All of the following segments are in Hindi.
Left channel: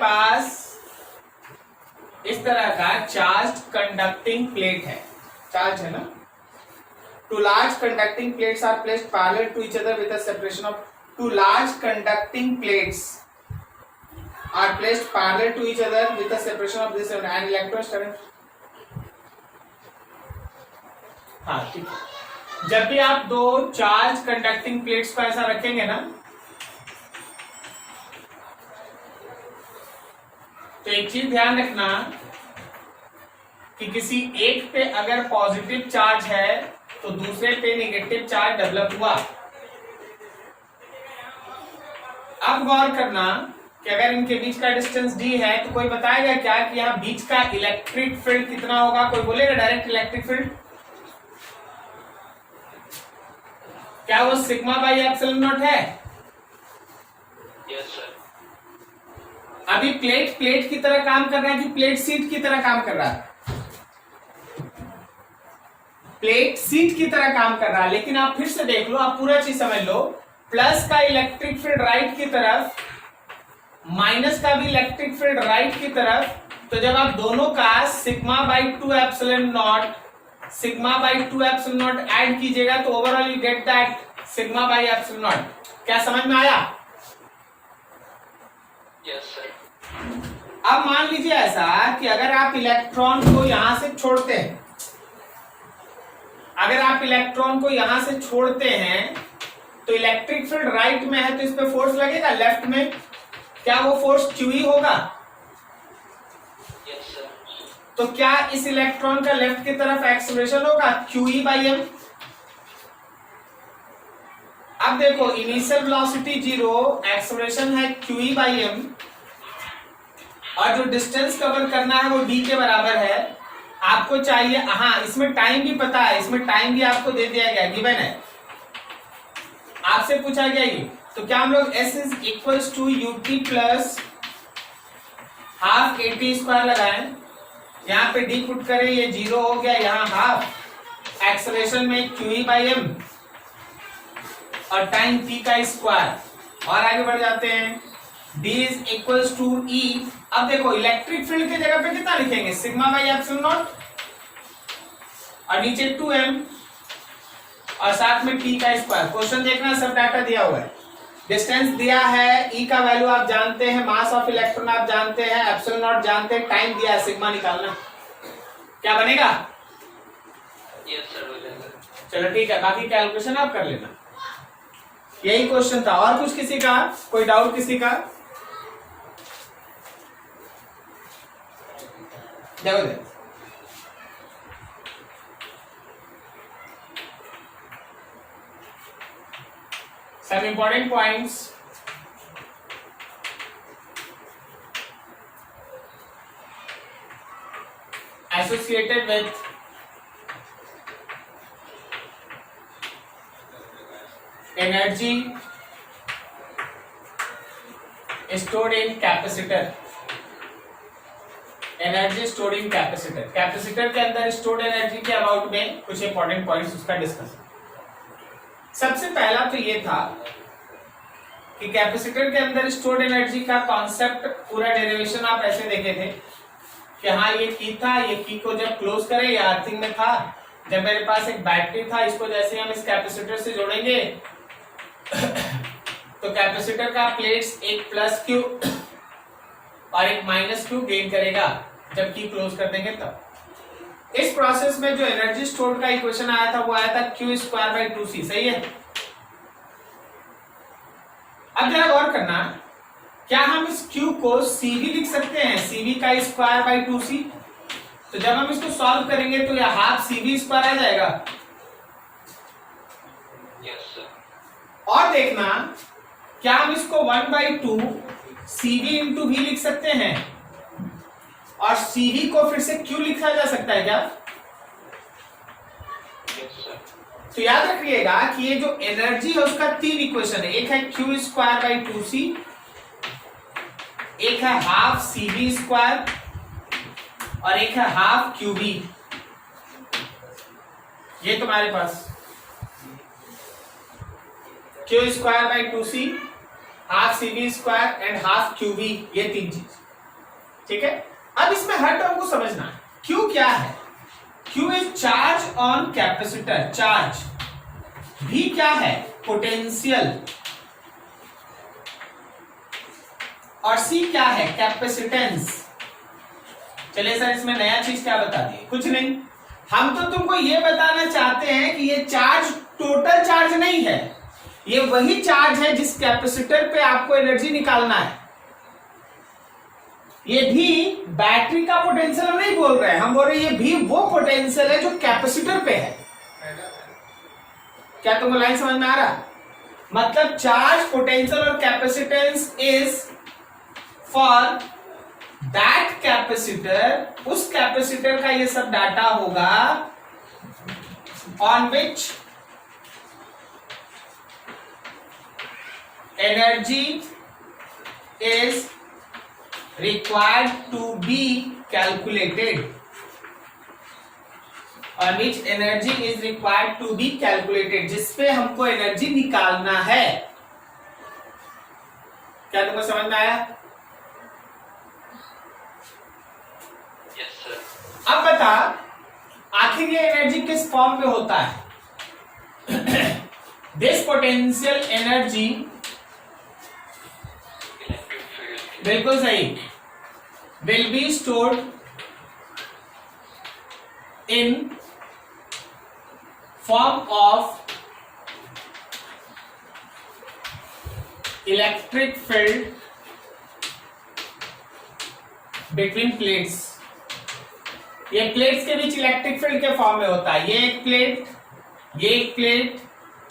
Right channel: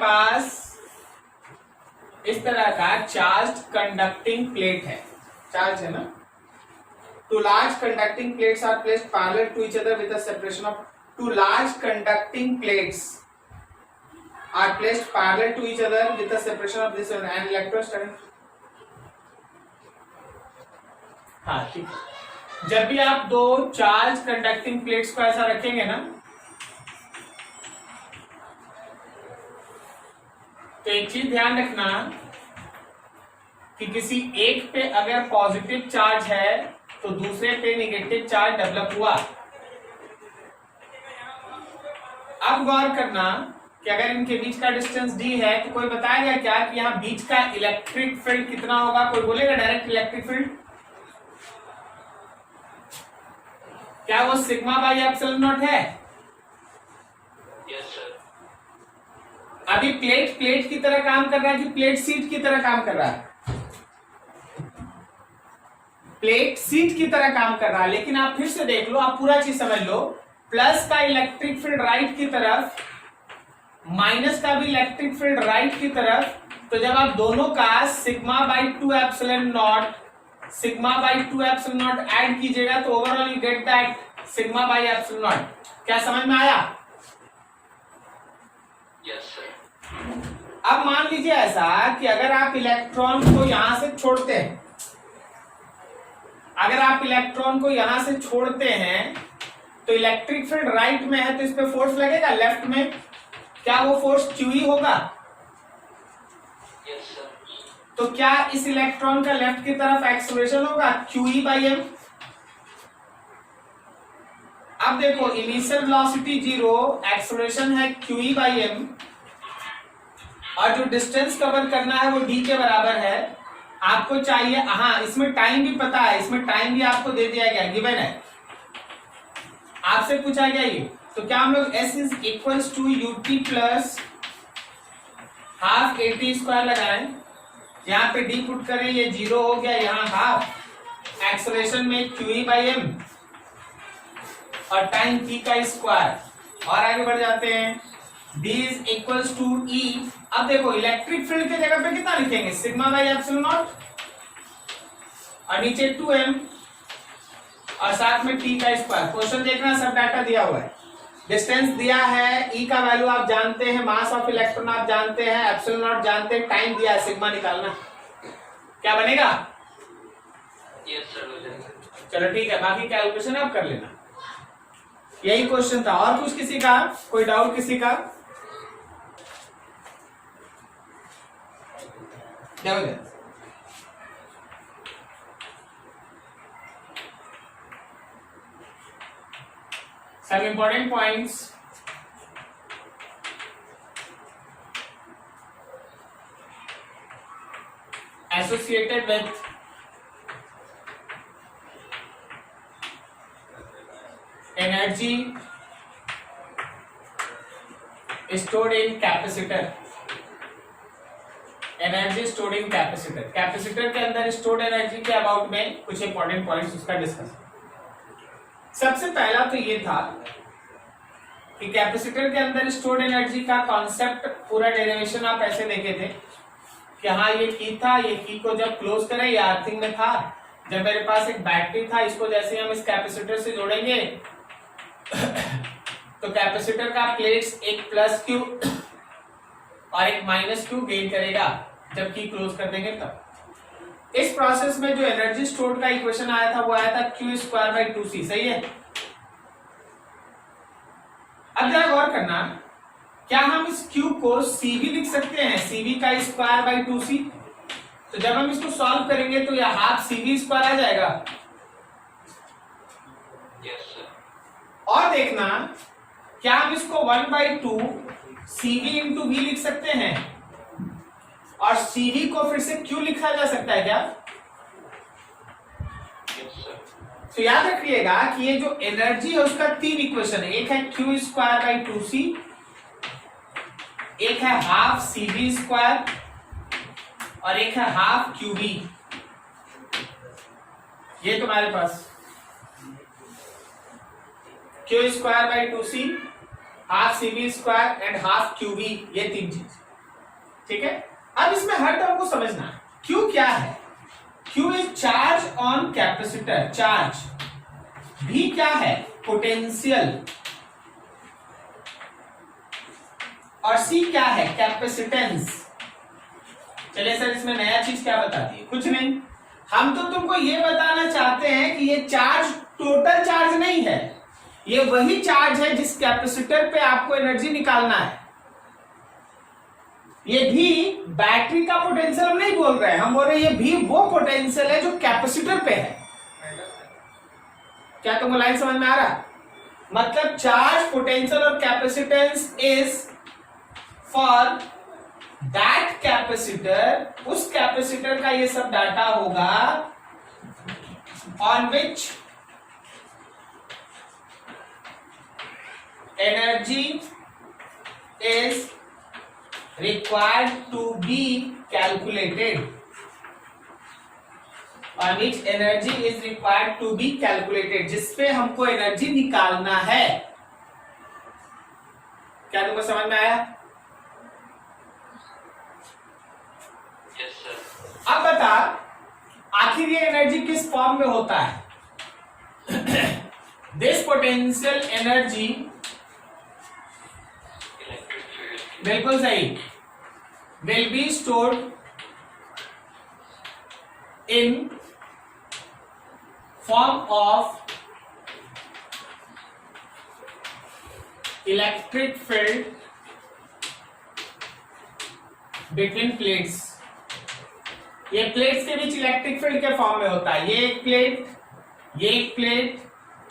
पास इस तरह का चार्ज कंडक्टिंग प्लेट है, चार्ज है ना, two large conducting plates are placed parallel to each other with a separation of two large conducting plates are placed parallel to each other with a separation of this and electrostatic. हाँ ठीक है, जब भी आप दो चार्ज कंडक्टिंग प्लेट्स को ऐसा रखेंगे ना, तो एक चीज ध्यान रखना कि किसी एक पे अगर पॉजिटिव चार्ज है तो दूसरे पे नेगेटिव चार्ज डेवलप हुआ। अब गौर करना कि अगर इनके बीच का डिस्टेंस d है तो कोई बताएगा क्या कि यहाँ बीच का इलेक्ट्रिक फील्ड कितना होगा? कोई बोलेगा डायरेक्ट इलेक्ट्रिक फील्ड? क्या वो सिग्मा बाई एप्सिलॉन नॉट है? Yes sir. अभी प्लेट प्लेट की तरह काम कर रहा है कि प्लेट सीट की तरह काम कर रहा है? प्लेट सीट की तरह काम कर रहा है, लेकिन आप फिर से देख लो, आप पूरा चीज समझ लो, प्लस का इलेक्ट्रिक फील्ड राइट की तरफ, माइनस का भी इलेक्ट्रिक फील्ड राइट की तरफ, तो जब आप दोनों का sigma by 2 epsilon not add कीजिएगा तो overall you get that sigma by epsilon not. क्या समझ में आया? Yes sir. अब मान लीजिए ऐसा कि अगर आप इलेक्ट्रॉन को यहां से छोड़ते हैं, अगर आप इलेक्ट्रॉन को यहां से छोड़ते हैं तो इलेक्ट्रिक फील्ड राइट में है तो इस पे फोर्स लगेगा लेफ्ट में, क्या वो फोर्स QE होगा? Yes sir. तो क्या इस इलेक्ट्रॉन का लेफ्ट की तरफ एक्सेलरेशन होगा QE बाई m? अब देखो इनिशियल वेलोसिटी 0, एक्सेलरेशन है QE बाई m, और जो डिस्टेंस कवर करना है वो d के बराबर है। आपको चाहिए, हाँ इसमें टाइम भी पता है, इसमें टाइम भी आपको दे दिया गया, गिवन है, आपसे पूछा गया ये। तो क्या हम लोग s is equals to ut plus half at square लगाएं, यहाँ पे d पुट करें, ये 0 हो गया, यहाँ हाफ, एक्सेलरेशन में QE बाई m और टाइम t का स्क्वायर, और आगे बढ़ जाते हैं, d is equals to E। अब देखो इलेक्ट्रिक फील्ड की जगह पे कितना लिखेंगे? सिग्मा बाई एप्सिलॉन नॉट, और नीचे 2m और साथ में t का स्क्वायर। क्वेश्चन देखना, सब डाटा दिया हुआ है, डिस्टेंस दिया है, E का वैल्यू आप जानते हैं, मास ऑफ इलेक्ट्रॉन आप जानते हैं, एप्सिलॉन नॉट जानते हैं, टाइम दिया है, सिग्मा निकालना। क्या बनेगा? Yes sir. चलो ठीक है, बाकी कैलकुलेशन आप कर लेना। यही क्वेश्चन था। और कुछ किसी का, कोई डाउट किसी का? देखो some important points. Associated with energy stored in capacitor, energy stored in capacitor, capacitor के अंदर स्टोर्ड एनर्जी के अबाउट में कुछ इंपॉर्टेंट पॉइंट्स उसका डिस्कस। सबसे पहला तो ये था कि कैपेसिटर के अंदर स्टोर्ड एनर्जी का कॉन्सेप्ट, पूरा डेरिवेशन आप ऐसे देखे थे कि हाँ ये की था, ये की को जब क्लोज करें, या अर्थिंग में था, जब मेरे पास एक बैटरी था, इसको जैसे हम इस कैपेसिटर से जोड़ेंगे तो कैपेसिटर का प्लेट्स एक प्लस क्यू और एक माइनस क्यू गेन करेगा जब की क्लोज कर देंगे तब। इस प्रोसेस में जो एनर्जी स्टोर्ड का इक्वेशन आया था वो आया था q स्क्वायर बाई 2c, सही है। अब जरा गौर करना, क्या हम इस q को c भी लिख सकते हैं, cv का स्क्वायर बाई 2c? तो जब हम इसको सॉल्व करेंगे तो यह हाफ cv स्क्वायर आ जाएगा। Yes sir. और देखना, क्या हम इसको 1/2 cv इंटू v लिख सकते हैं, और cv को फिर से q लिखा जा सकता है क्या? Yes sir. तो याद रखिएगा कि ये जो एनर्जी है उसका 3 इक्वेशन है, एक है q स्क्वायर बाई 2c, एक है हाफ cv स्क्वायर और एक है हाफ qv। ये तुम्हारे पास q square by 2c, half cv square and half qv, ये 3 चीज। ठीक है, अब इसमें हर टर्म को समझना है। Q क्या है? Q is charge on capacitor, charge. V क्या है? पोटेंशियल। और C क्या है? कैपेसिटेंस। चलिए सर, इसमें नया चीज क्या बता दिए? कुछ नहीं, हम तो तुमको ये बताना चाहते हैं कि ये चार्ज टोटल चार्ज नहीं है, ये वही चार्ज है जिस कैपेसिटर पे आपको एनर्जी निकालना है। ये भी बैटरी का पोटेंशियल हम नहीं बोल रहे हैं, हम बोल रहे हैं ये भी वो पोटेंशियल है जो कैपेसिटर पे है। क्या तुमको लाइन समझ में आ रहा? मतलब चार्ज, पोटेंशियल और capacitance is for that capacitor, उस कैपेसिटर का ये सब डाटा होगा on which energy is required to be calculated, on which energy is required to be calculated, जिसपे हमको एनर्जी निकालना है। क्या तुमको समझ में आया? Yes, sir. अब बता, आखिर ये एनर्जी किस फॉर्म में होता है? This potential energy, Electric field. बिल्कुल सही, will be stored in form of electric field between plates। ये प्लेट्स के बीच इलेक्ट्रिक फील्ड के फॉर्म में होता है। ये एक प्लेट, ये एक प्लेट,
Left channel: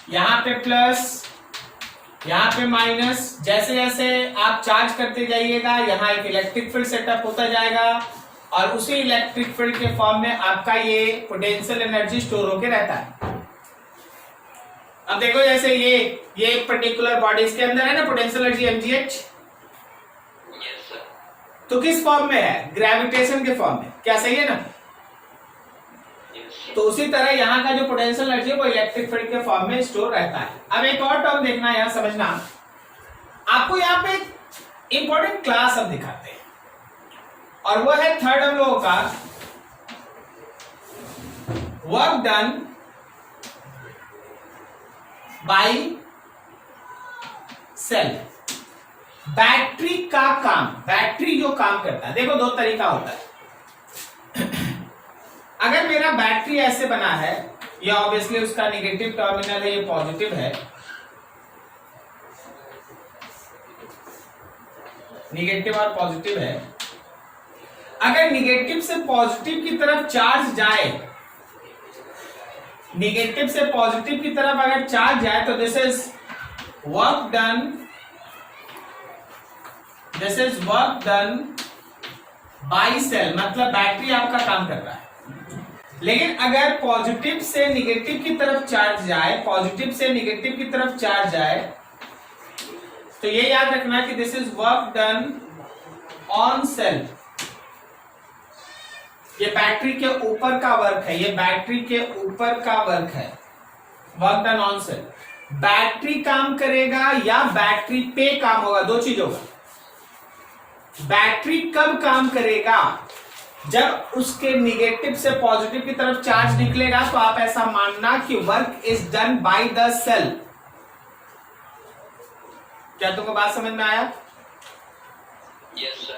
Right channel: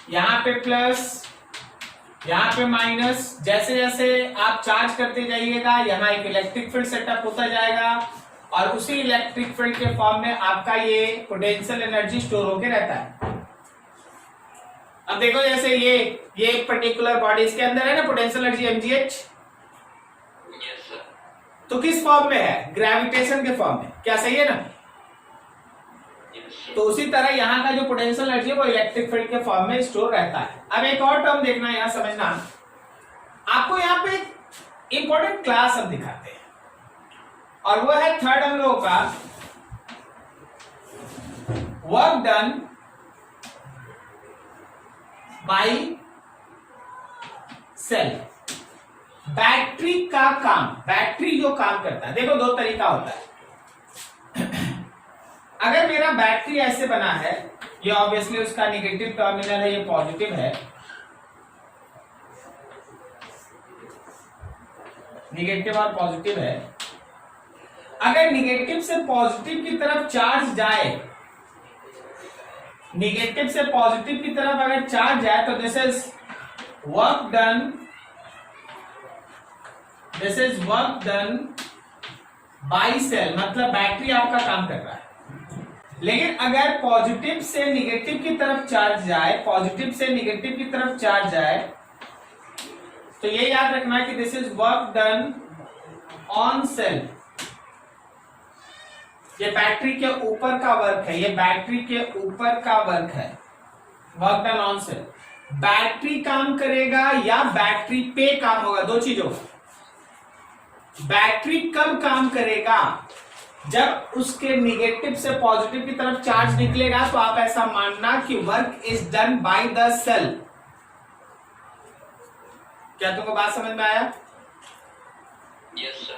यहां पे प्लस, यहां पे माइनस, जैसे जैसे आप चार्ज करते जाइएगा यहां एक इलेक्ट्रिक फील्ड सेटअप होता जाएगा और उसी इलेक्ट्रिक फील्ड के फॉर्म में आपका ये पोटेंशियल एनर्जी स्टोर होके रहता है। अब देखो, जैसे ये एक पर्टिकुलर बॉडी, इसके अंदर है ना potential energy mgh, Yes, sir. तो किस फॉर्म में है? ग्रेविटेशन के फॉर्म में। क्या सही है ना? Yes, sir. तो उसी तरह यहाँ का जो पोटेंशियल एनर्जी है वो इलेक्ट्रिक फील्ड के फॉर्म में स्टोर रहता है। अब एक और टर्म देखना, यहाँ समझना, आपको यहाँ पे इंपॉर्टेंट क्लास हम दिखाते हैं और वो है थर्ड हम लोगों का work done by cell. Battery का काम, बैटरी जो काम करता है, देखो दो तरीका होता है। अगर मेरा बैटरी ऐसे बना है, ये ऑब्वियसली उसका नेगेटिव टर्मिनल है, ये पॉजिटिव है, नेगेटिव और पॉजिटिव है। अगर नेगेटिव से पॉजिटिव की तरफ चार्ज जाए, नेगेटिव से पॉजिटिव की तरफ अगर चार्ज जाए तो this is work done, this is work done by cell, मतलब बैटरी आपका काम कर रहा है। लेकिन अगर पॉजिटिव से निगेटिव की तरफ चार्ज जाए, पॉजिटिव से निगेटिव की तरफ चार्ज जाए, तो ये याद रखना कि this is work done on cell. ये बैटरी के ऊपर का वर्क है, ये बैटरी के ऊपर का वर्क है, work done on cell. Battery काम करेगा या बैटरी पे काम होगा, दो चीज होगा। बैटरी कब काम करेगा? जब उसके निगेटिव से पॉजिटिव की तरफ चार्ज निकलेगा, तो आप ऐसा मानना कि work is done by the cell. क्या तुमको बात समझ में आया? Yes, sir.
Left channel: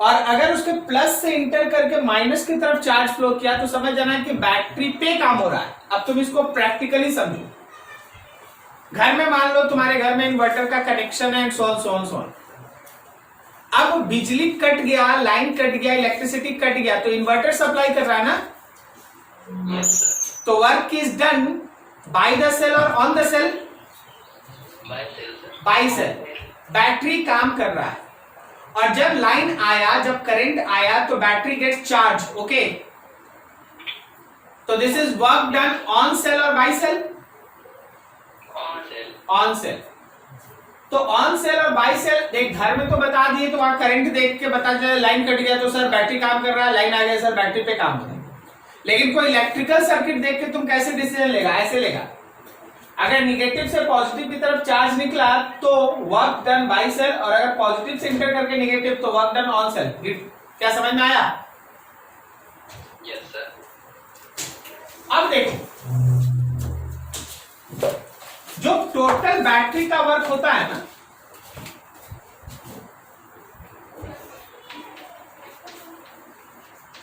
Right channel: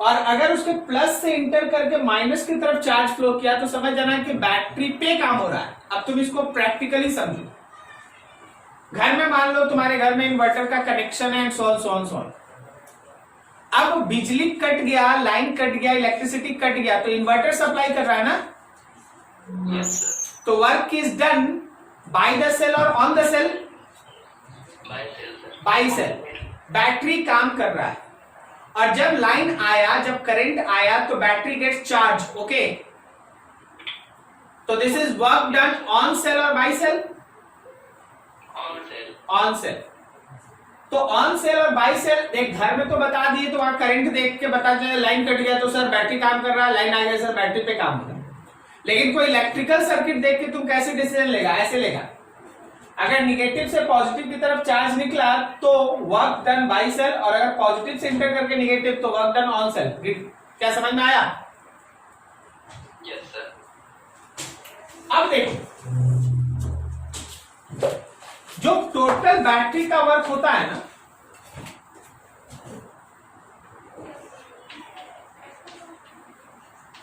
और अगर उसके प्लस से इंटर करके माइनस की तरफ चार्ज फ्लो किया तो समझ जाना कि बैटरी पे काम हो रहा है। अब तुम इसको प्रैक्टिकली समझो। घर में मान लो तुम्हारे घर में इन्वर्टर का कनेक्शन है, सोन सोन सोन। अब बिजली कट गया, लाइन कट गया, इलेक्ट्रिसिटी कट गया, तो इन्वर्टर सप्लाई कर रहा है ना? Yes, sir. तो work is done by the cell or on the cell? By cell, sir. By cell. Battery काम कर रहा है और जब लाइन आया, जब करंट आया तो बैटरी गेट्स चार्ज। ओके, तो this is work done on cell or by cell? On cell. On cell. तो on cell or by cell, देख घर में तो बता दिए, तो वहां करंट देख के बता दिया, लाइन कट गया तो सर बैटरी काम कर रहा है, लाइन आ गया सर बैटरी पे काम कर रहा है। लेकिन कोई इलेक्ट्रिकल सर्किट देख के तुम कैसे डिसीजन लेगा? ऐसे लेगा। अगर निगेटिव से पॉजिटिव की तरफ चार्ज निकला तो वर्क डन बाय सेल, और अगर पॉजिटिव से इंटर करके निगेटिव तो वर्क डन ऑन सेल। क्या समझ में आया? Yes sir. अब देखो, जो टोटल बैटरी का वर्क होता है ना,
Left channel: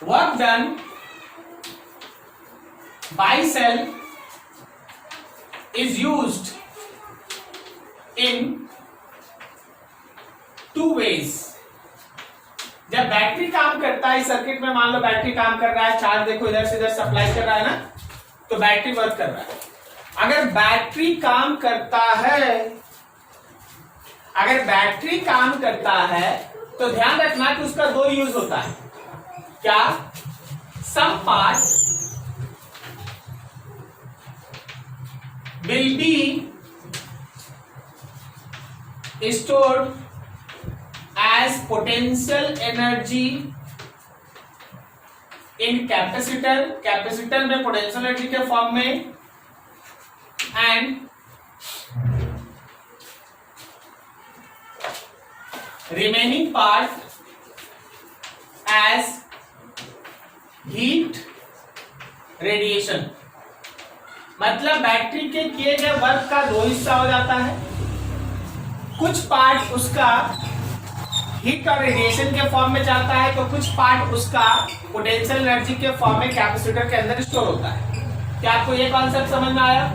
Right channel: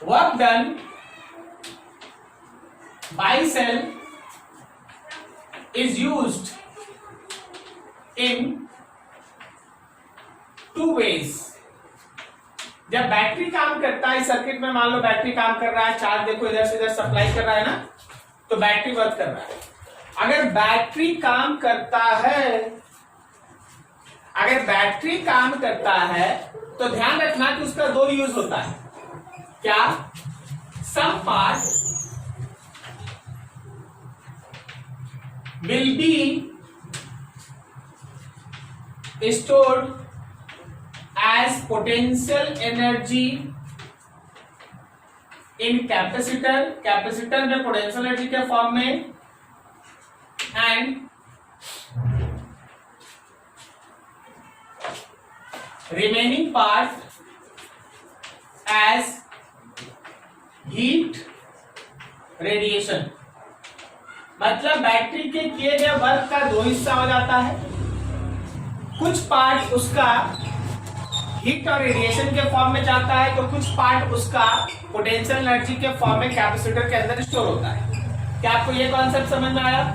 work done by cell is used in two ways। जब बैटरी काम करता है, सर्किट में मान लो बैटरी काम कर रहा है, चार्ज देखो इधर से इधर सप्लाई कर रहा है ना, तो बैटरी वर्क कर रहा है। अगर बैटरी काम करता है, अगर बैटरी काम करता है तो ध्यान रखना कि उसका दो यूज होता है। क्या? Some part will be stored as potential energy in capacitor, capacitor में पोटेंशियल एनर्जी के फॉर्म में, and remaining part as heat radiation। मतलब बैटरी के किए गए वर्क का दो हिस्सा हो जाता है, कुछ पार्ट उसका हीट और रेडिएशन के फॉर्म में जाता है, तो कुछ पार्ट उसका पोटेंशियल एनर्जी के फॉर्म में कैपेसिटर के अंदर स्टोर होता है। क्या आपको ये कॉन्सेप्ट समझ में आया?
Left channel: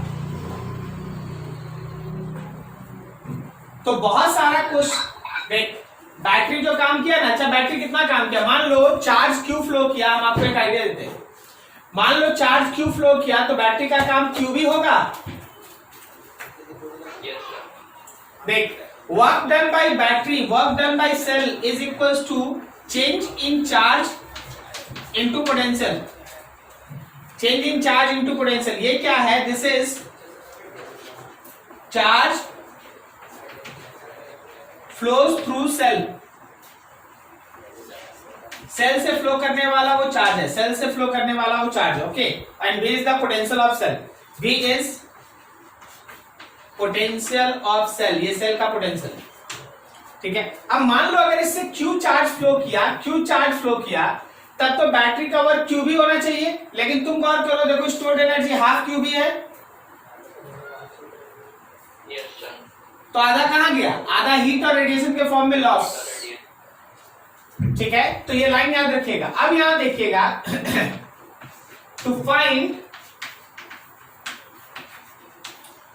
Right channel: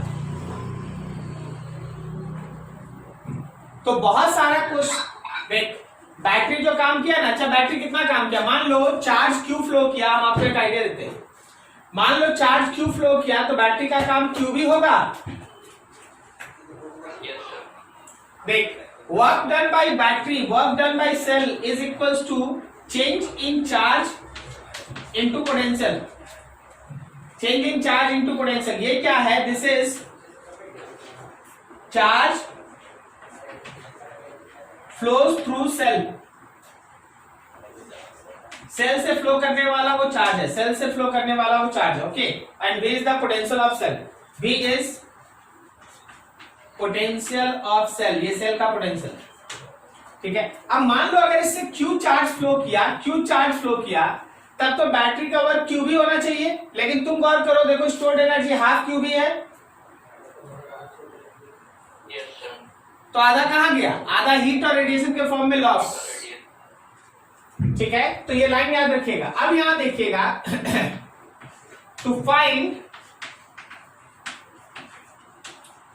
तो बहुत सारा कुछ देख, बैटरी जो काम किया ना, अच्छा बैटरी कितना काम किया, मान लो चार्ज क्यू फ्लो किया, हम आपको एक आइडिया देते हैं। मान लो चार्ज क्यू फ्लो किया तो बैटरी का काम क्यू भी होगा। Yes sir. देख, work done by battery, work done by cell is equals to change in charge into potential, change in charge into potential. ये क्या है? This is charge flows through cell, cell से फ्लो करने वाला वो चार्ज है, सेल से फ्लो करने वाला वो चार्ज है। Okay, and V is the potential of cell, V is potential of cell, ये सेल का पोटेंशियल। ठीक है, अब मान लो अगर इससे क्यू चार्ज फ्लो किया, क्यू चार्ज फ्लो किया, तब तो बैटरी का वर्क क्यू भी होना चाहिए, लेकिन तुम गौर करो, देखो स्टोर्ड एनर्जी हाफ क्यू भी है। Yes sir. तो आधा कहां गया? आधा हीट और रेडिएशन के फॉर्म में लॉस। ठीक है, तो ये लाइन याद रखिएगा। अब यहां देखिएगा, to find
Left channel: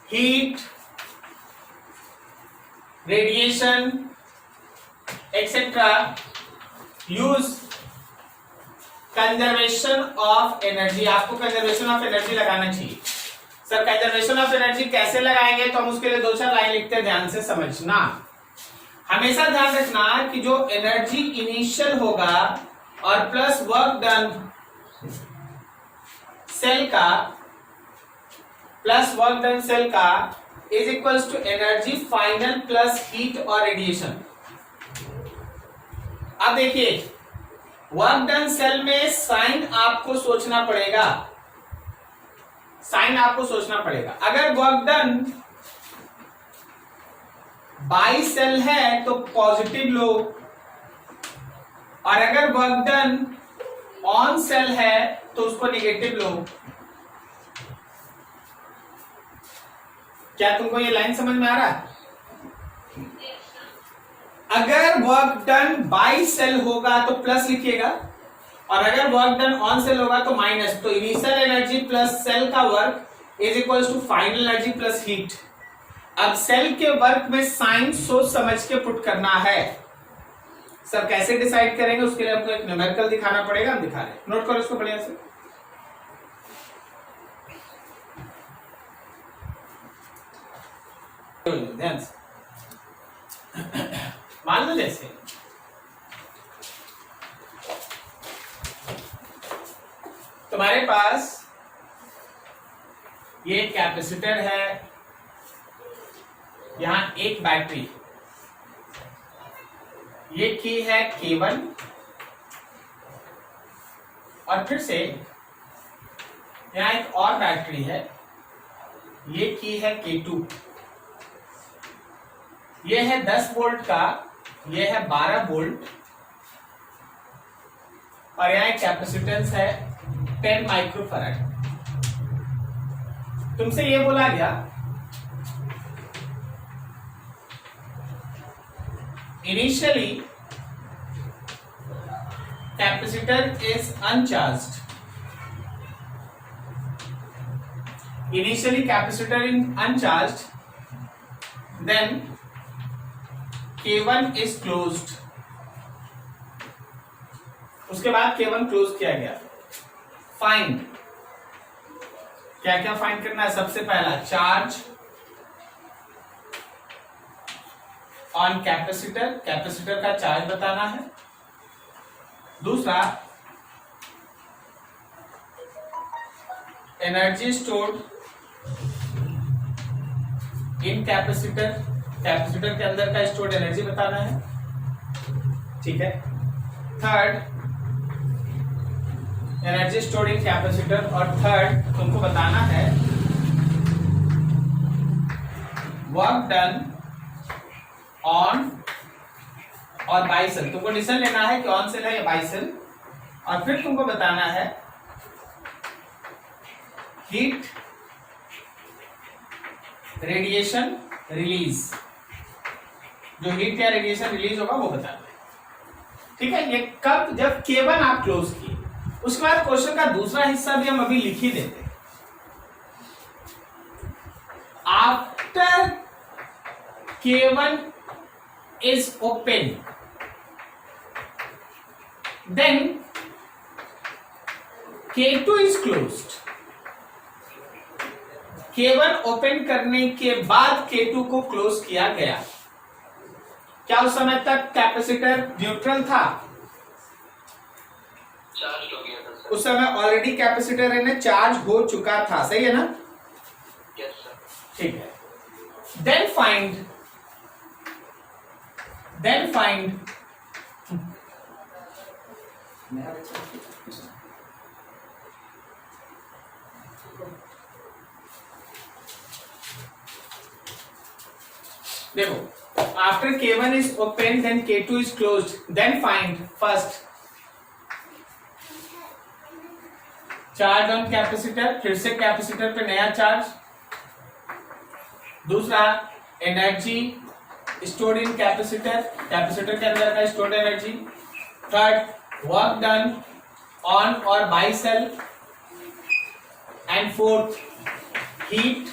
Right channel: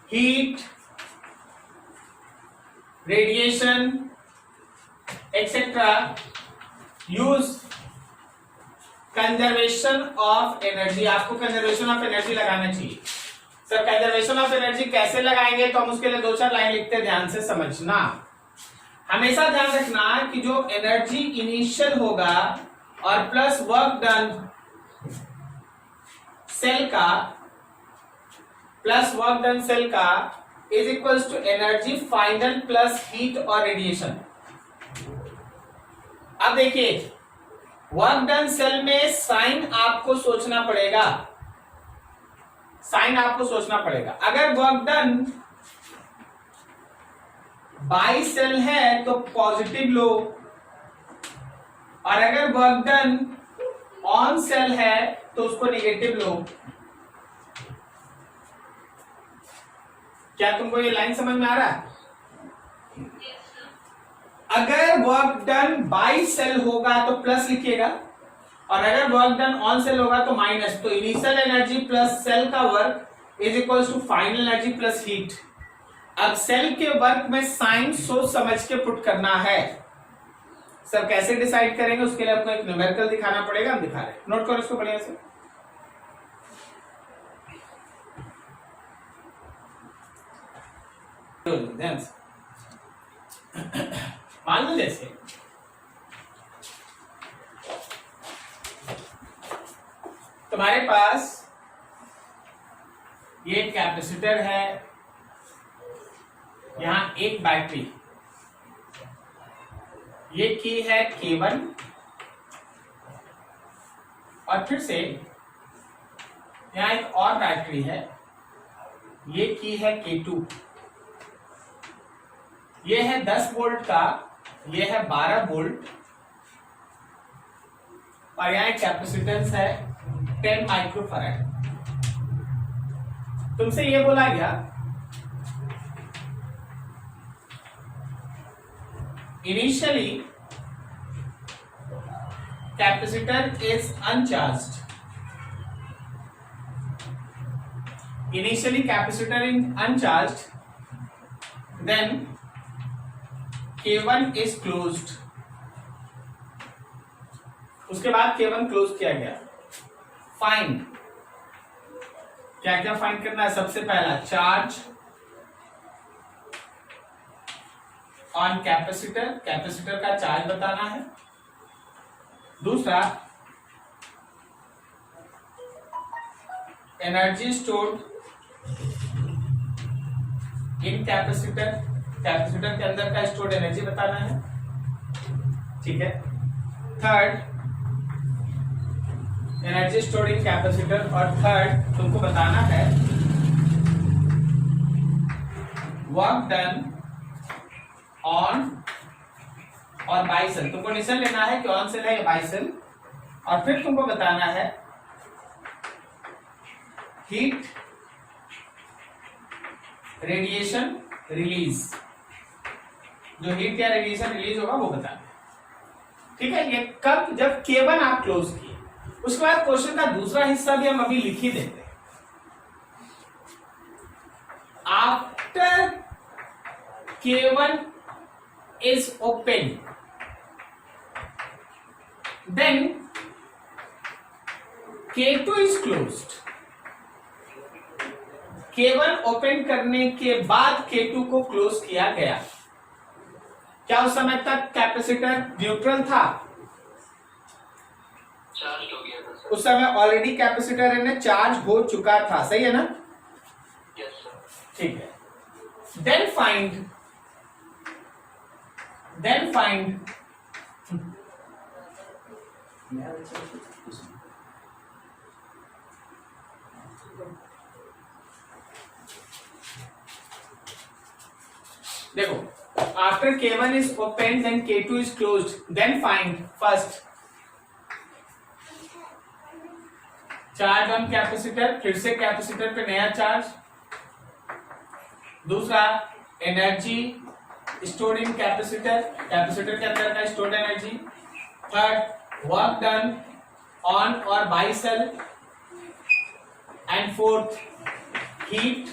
heat, radiation etcetera, use conservation of energy. आपको कंजर्वेशन ऑफ एनर्जी लगाना चाहिए। सर कंजर्वेशन ऑफ एनर्जी कैसे लगाएंगे? तो हम उसके लिए दो चार लाइन लिखते हैं, ध्यान से समझना। हमेशा ध्यान रखना कि जो एनर्जी इनिशियल होगा और प्लस वर्क डन सेल का, प्लस वर्क डन सेल का is equals to energy final plus heat और रेडिएशन। अब देखिए, वर्क डन सेल में साइन आपको सोचना पड़ेगा, साइन आपको सोचना पड़ेगा। अगर वर्क डन बाई सेल है तो पॉजिटिव लो, और अगर वर्क डन ऑन सेल है तो उसको नेगेटिव लो। क्या तुमको ये लाइन समझ में आ रहा है? अगर वर्क डन बाई सेल होगा तो प्लस लिखिएगा, और अगर वर्क डन ऑन सेल होगा तो माइनस। तो इनिशियल एनर्जी प्लस सेल का work is equal to final energy plus heat. अब सेल के वर्क में साइन सोच समझ के पुट करना है। सर कैसे डिसाइड करेंगे? उसके लिए आपको एक न्यूमेरिकल दिखाना पड़ेगा, हम दिखा रहे हैं, नोट करो इसको बढ़िया से। ध्यान से मान लो, जैसे तुम्हारे पास ये कैपेसिटर है, यहां एक बैटरी, ये की है K1, और फिर से यहां एक और बैटरी है, ये की है K2, ये है 10 वोल्ट का, ये है 12 वोल्ट, और यहाँ एक कैपेसिटेंस है 10 माइक्रोफैराड। तुमसे ये बोला गया initially capacitor is uncharged, initially capacitor in uncharged, then K1 is closed, उसके बाद K1 क्लोज किया गया। फाइंड, क्या क्या फाइंड करना है? सबसे पहला चार्ज ऑन कैपेसिटर, कैपेसिटर का चार्ज बताना है। दूसरा energy stored in capacitor, capacitor के अंदर का स्टोर्ड एनर्जी बताना है, ठीक है। Third energy stored in capacitor, और थर्ड तुमको बताना है work done on or by cell. तुमको डिसीजन लेना है कि ऑन सेल है या बाई सेल, और फिर तुमको बताना है हीट रेडिएशन रिलीज, जो हीट या रेडिएशन रिलीज होगा वो बताना है, ठीक है। ये कब? जब K1 आप क्लोज किए। उसके बाद क्वेश्चन का दूसरा हिस्सा भी हम अभी लिख ही देते हैं। After K1 is open, then K2 is closed। K1 open करने के बाद K2 को क्लोज किया गया। क्या उस समय तक कैपेसिटर न्यूट्रल था? चार्ज हो गया था सर। उस समय ऑलरेडी कैपेसिटर है ना चार्ज हो चुका था, सही है ना? Yes sir. ठीक है। देन फाइंड देखो, after K1 is open, then K2 is closed, then find first charge on capacitor, फिर से कैपेसिटर पे नया चार्ज। दूसरा energy stored in capacitor, capacitor के अंदर का stored energy. Third work done on or by cell, and fourth heat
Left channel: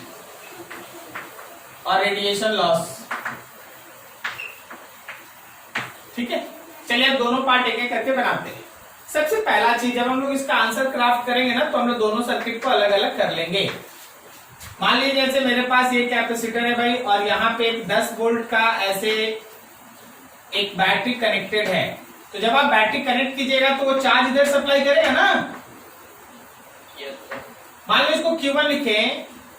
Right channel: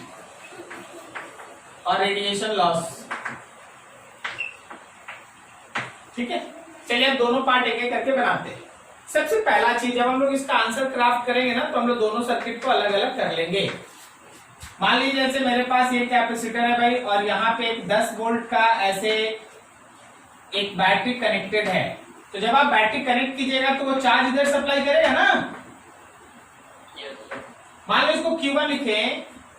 और रेडिएशन लॉस, ठीक है। चलिए अब दोनों पार्ट एक एक करके बनाते हैं। सबसे पहला चीज, जब हम लोग इसका आंसर क्राफ्ट करेंगे ना, तो हम लोग दोनों सर्किट को अलग अलग कर लेंगे। मान लीजिए जैसे मेरे पास ये कैपेसिटर है भाई, और यहाँ पे एक 10 वोल्ट का ऐसे एक बैटरी कनेक्टेड है। तो जब आप बैटरी कनेक्ट कीजिएगा तो वो चार्ज इधर सप्लाई करेगा ना। मान लो इसको Q1 लिखे,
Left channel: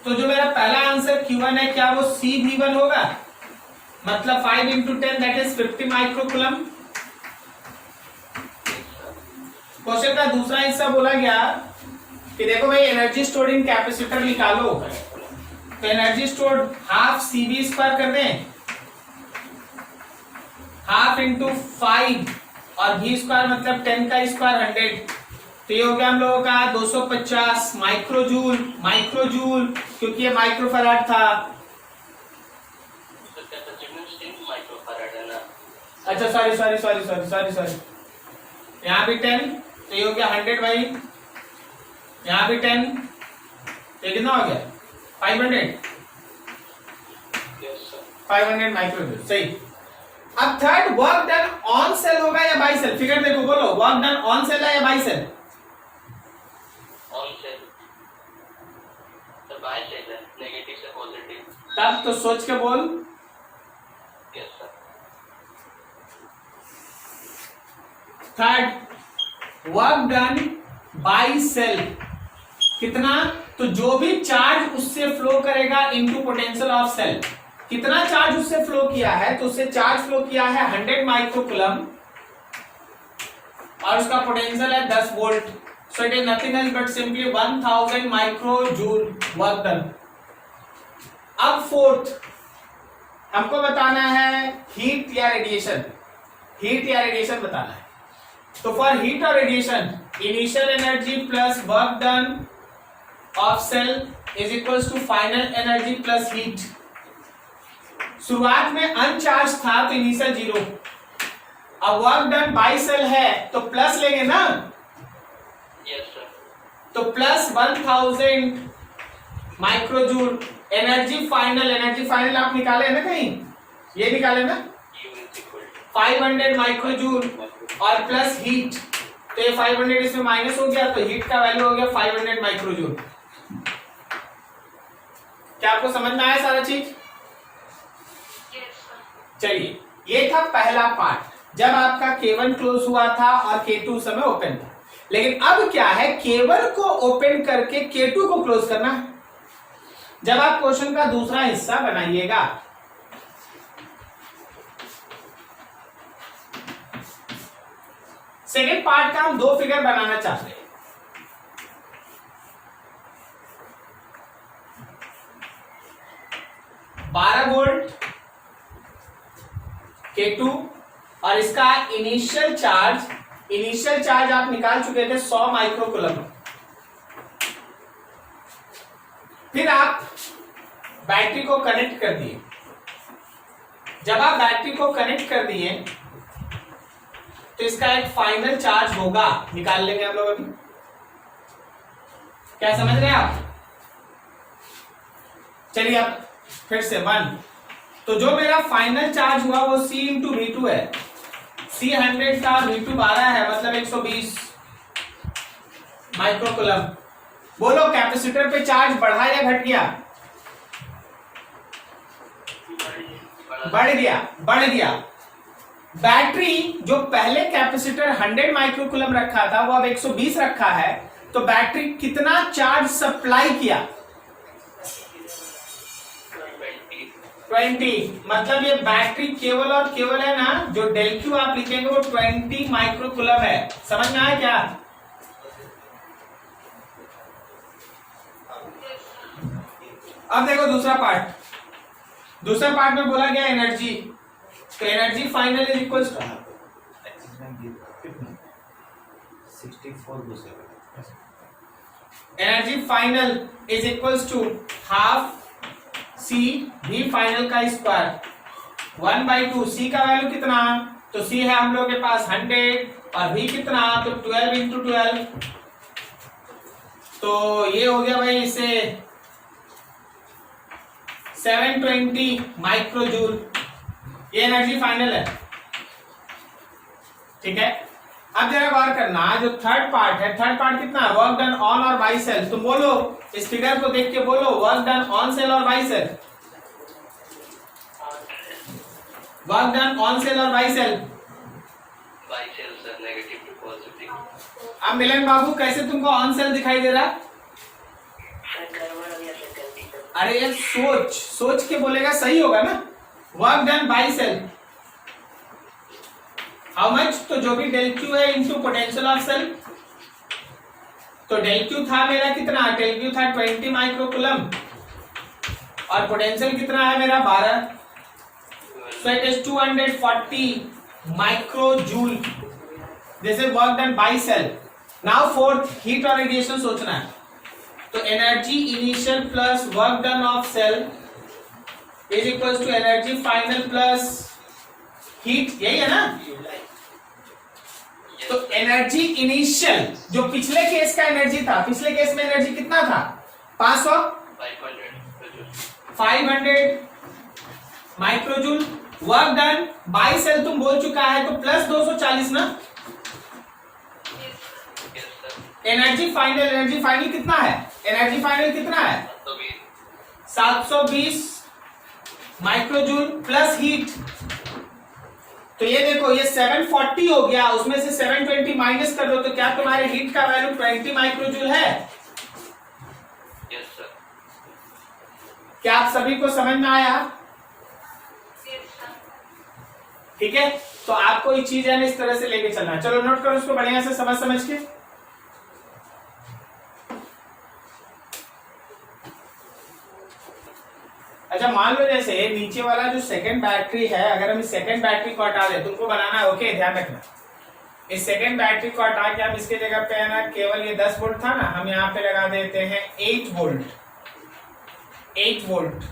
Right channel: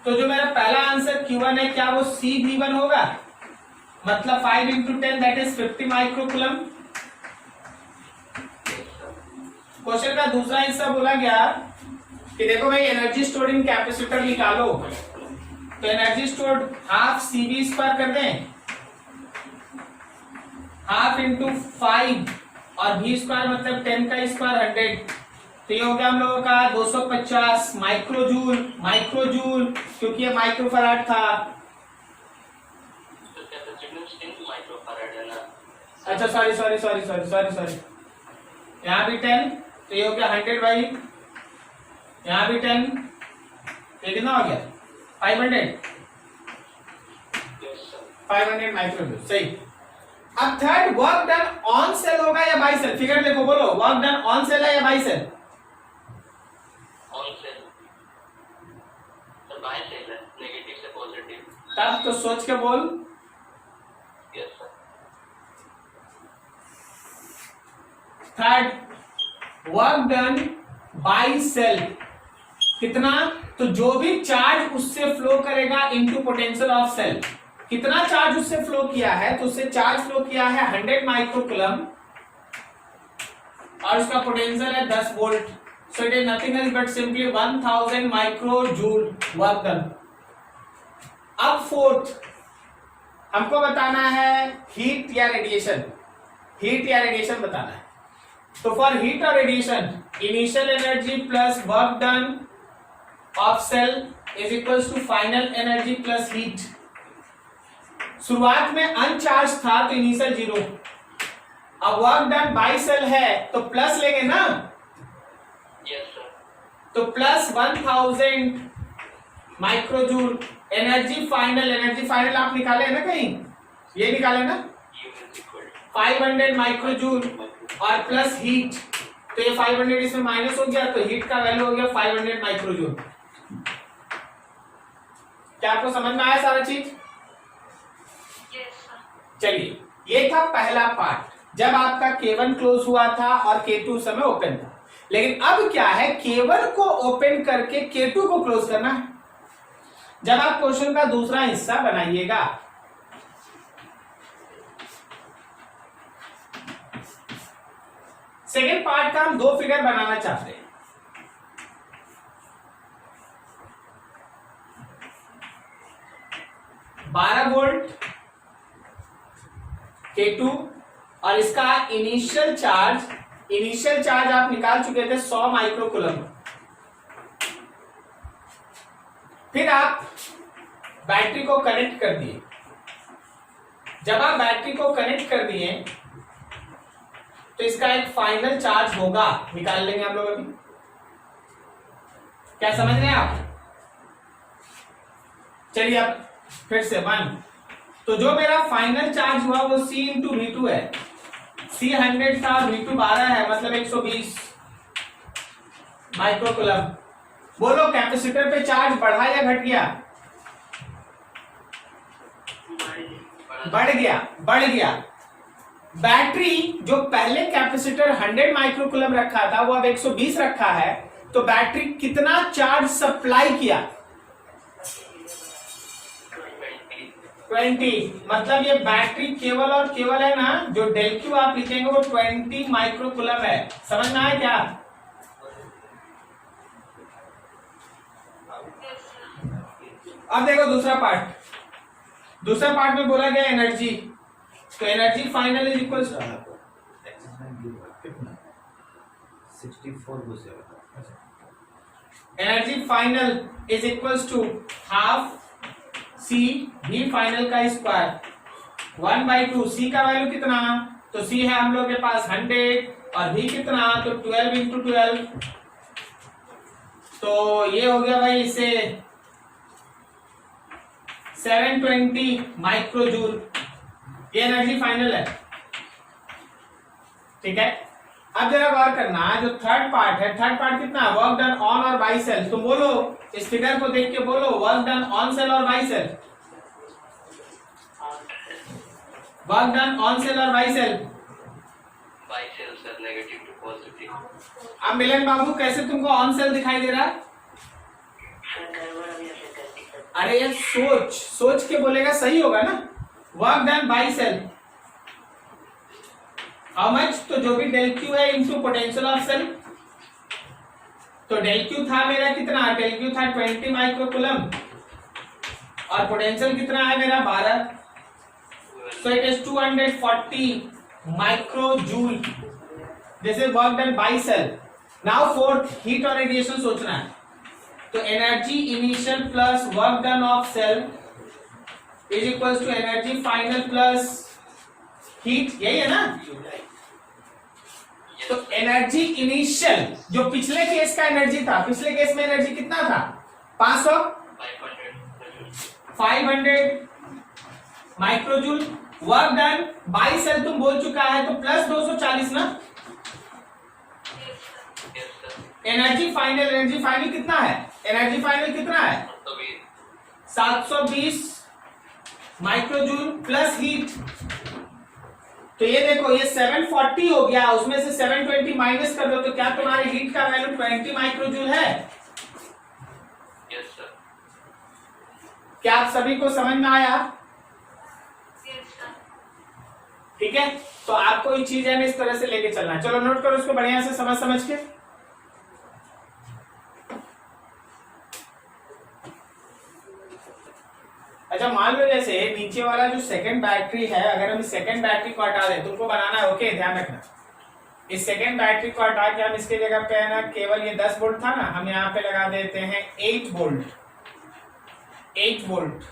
तो जो मेरा पहला आंसर Q1 है, क्या वो CV1 होगा? मतलब 5 into 10 that is 50 microcoulomb. Question का दूसरा हिस्सा बोला गया कि देखो भाई एनर्जी स्टोर्ड इन कैपेसिटर निकालो, तो energy stored half CV square कर दें, हाफ इंटू 5 और V स्क्वायर मतलब 10 का स्क्वायर 100, तो ये हो गया हम लोगों का 250 माइक्रोजूल, क्योंकि ये माइक्रोफैराड था। अच्छा सॉरी, यहाँ भी 10, तो ये हो गया 100 भाई, यहाँ भी 10, तो कितना हो गया? 500 माइक्रोजूल, सही। अब third work done on cell होगा या बाई सेल? फिगर देखो, बोलो वर्क डन ऑन सेल है या बाई सेल? On cell. तो बाई सेल है, नेगेटिव से पॉजिटिव। तब तो सोच के बोल। Yes sir. Third work done by cell कितना? तो जो भी चार्ज उससे फ्लो करेगा इनटू पोटेंशियल ऑफ सेल, कितना चार्ज उससे फ्लो किया है? तो उससे चार्ज फ्लो किया है 100 माइक्रोकूलम, और उसका पोटेंशियल है 10 volt, so it is nothing else but simply 1000 माइक्रोजूल work done. अब फोर्थ हमको बताना है हीट या रेडिएशन, हीट या रेडिएशन बताना है। तो फॉर हीट और radiation initial energy plus work done of cell is equals to final energy plus heat. शुरुआत में अनचार्ज था तो इनिशियल 0, अब वर्क डन बाय सेल है तो प्लस लेंगे ना, यस सर। तो प्लस 1000 माइक्रोजूल। एनर्जी फाइनल आप निकाले ना कहीं, ये निकाले ना, U is equal to 500 माइक्रोजूल और प्लस हीट, तो ये 500 इसमें माइनस हो गया तो हीट का वैल्यू हो गया 500 माइक्रोजूल। क्या आपको समझ में आया सारा चीज? चलिए, ये था पहला पार्ट जब आपका K1 क्लोज हुआ था और K2 समय ओपन था। लेकिन अब क्या है, K1 को ओपन करके K2 को क्लोज करना है। जब आप क्वेश्चन का दूसरा हिस्सा बनाइएगा, सेकेंड पार्ट का हम दो फिगर बनाना चाहते हैं। बारह वोल्ट K2 और इसका इनिशियल चार्ज आप निकाल चुके थे 100 माइक्रोकूलम। फिर आप बैटरी को कनेक्ट कर दिए। जब आप बैटरी को कनेक्ट कर दिए तो इसका एक फाइनल चार्ज होगा, निकाल लेंगे हम लोग अभी। क्या समझ रहे हैं आप? चलिए अब फिर से 1, तो जो मेरा फाइनल चार्ज हुआ वो C इंटू V2 है। C 100 था, V2 12 है, मतलब 120 माइक्रोकूलम। बोलो कैपेसिटर पे चार्ज बढ़ा या घट गया? बढ़ गया। बैटरी जो पहले कैपेसिटर 100 माइक्रोकूलम रखा था वो अब 120 रखा है, तो बैटरी कितना चार्ज सप्लाई किया? 20। मतलब ये बैटरी केवल और केवल है ना, जो डेल क्यू आप लिखेंगे वो 20 माइक्रोकूलम है। समझ में आया क्या? अब देखो दूसरा पार्ट में बोला गया एनर्जी, तो energy final is equal to 64 energy final is equals to half C V final का स्क्वायर 1/2। सी का वैल्यू कितना? तो सी है हम लोग के पास 100 और वी कितना? तो 12 इंटू 12, तो ये हो गया भाई इसे 720 माइक्रोजूल। ये एनर्जी फाइनल है, ठीक है। अब जरा गौर करना, जो थर्ड पार्ट है, थर्ड पार्ट कितना? Work done on or by cell. तुम बोलो, इस फिगर को देख के बोलो, work done on cell or by cell. Work done on cell or by cell. By cell sir, negative to positive. अब मिलन बाबू कैसे तुमको ऑन सेल दिखाई दे रहा? अरे ये सोच के बोलेगा, सही होगा ना। Work done by cell how much? तो जो भी डेल क्यू है इनटू पोटेंशियल ऑफ सेल। तो डेल क्यू था मेरा कितना? डेल क्यू था 20 माइक्रोकूलम और पोटेंशियल कितना है मेरा? 12। So it is 240 microjoule. This is work done by cell. Now fourth, heat और रेडिएशन सोचना है। तो energy initial plus work done of cell is equals to energy final plus heat, यही है ना। तो एनर्जी इनिशियल जो पिछले केस का एनर्जी था, पिछले केस में एनर्जी कितना था? 500 microjoule. Work done by cell तुम बोल चुका है, तो प्लस 240 ना। एनर्जी फाइनल कितना है? एनर्जी फाइनल कितना है? 720 माइक्रोजूल प्लस हीट। तो ये देखो, ये 740 हो गया, उसमें से 720 माइनस कर दो, तो क्या तुम्हारे हीट का वैल्यू 20 माइक्रोजूल है? Yes sir. क्या आप सभी को समझ में आया? ठीक है, तो आपको ये चीज है ना इस तरह से लेके चलना है। चलो नोट करो उसको बढ़िया से समझ के। अच्छा मान लो जैसे नीचे वाला जो सेकंड बैटरी है, अगर हम सेकंड बैटरी को हटा दें, तुमको बनाना है, ओके ध्यान रखना, इस सेकंड बैटरी को हटा के हम इसके जगह पे है ना, केवल ये 10 वोल्ट था ना, हम यहाँ पे लगा देते हैं 8 वोल्ट। 8 वोल्ट।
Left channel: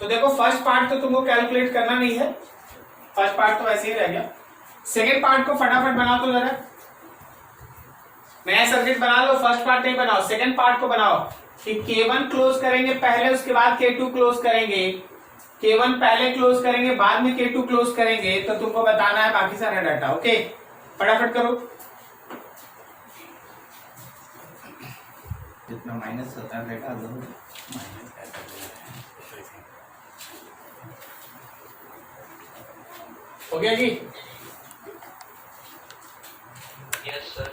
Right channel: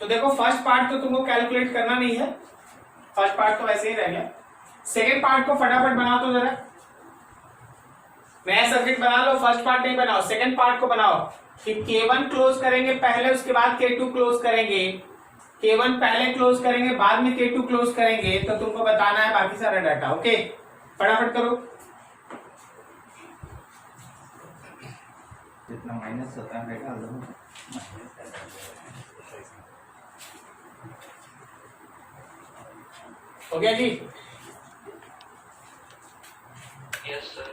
तो देखो फर्स्ट पार्ट तो तुमको कैलकुलेट करना नहीं है, फर्स्ट पार्ट तो वैसे ही रह गया। सेकंड पार्ट को फटाफट बनाओ तो जरा, नया सर्किट बना लो, फर्स्ट पार्ट नहीं बनाओ, सेकंड पार्ट को बनाओ कि K1 क्लोज करेंगे पहले, उसके बाद K2 क्लोज करेंगे, K1 पहले क्लोज करेंगे बाद में K2 क्लोज करेंगे, तो तुमको बताना है बाकी सारा डाटा। ओके फटाफट करो। जितना माइनस होता है डाल दो। हो गया जी? Yes, sir.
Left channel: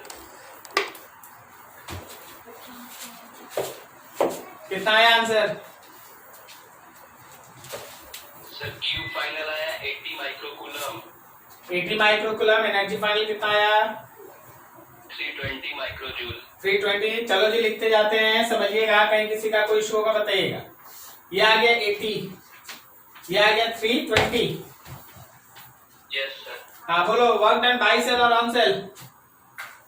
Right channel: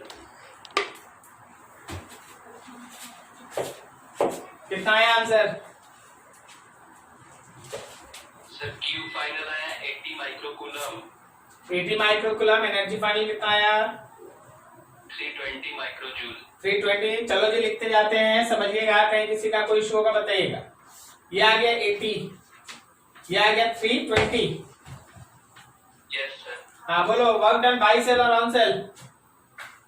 कितना आया आंसर? Sir, Q final आया 80 माइक्रोकूलम। 80 माइक्रोकूलम। एनर्जी फाइनल कितना आया? 320 माइक्रोजूल। 320। चलो जी लिखते जाते हैं, समझिएगा, कहीं किसी का कोई इशू होगा बताइएगा। ये आ गया 80, ये आ गया 320। Yes, sir. हाँ बोलो, work done by cell or on sale?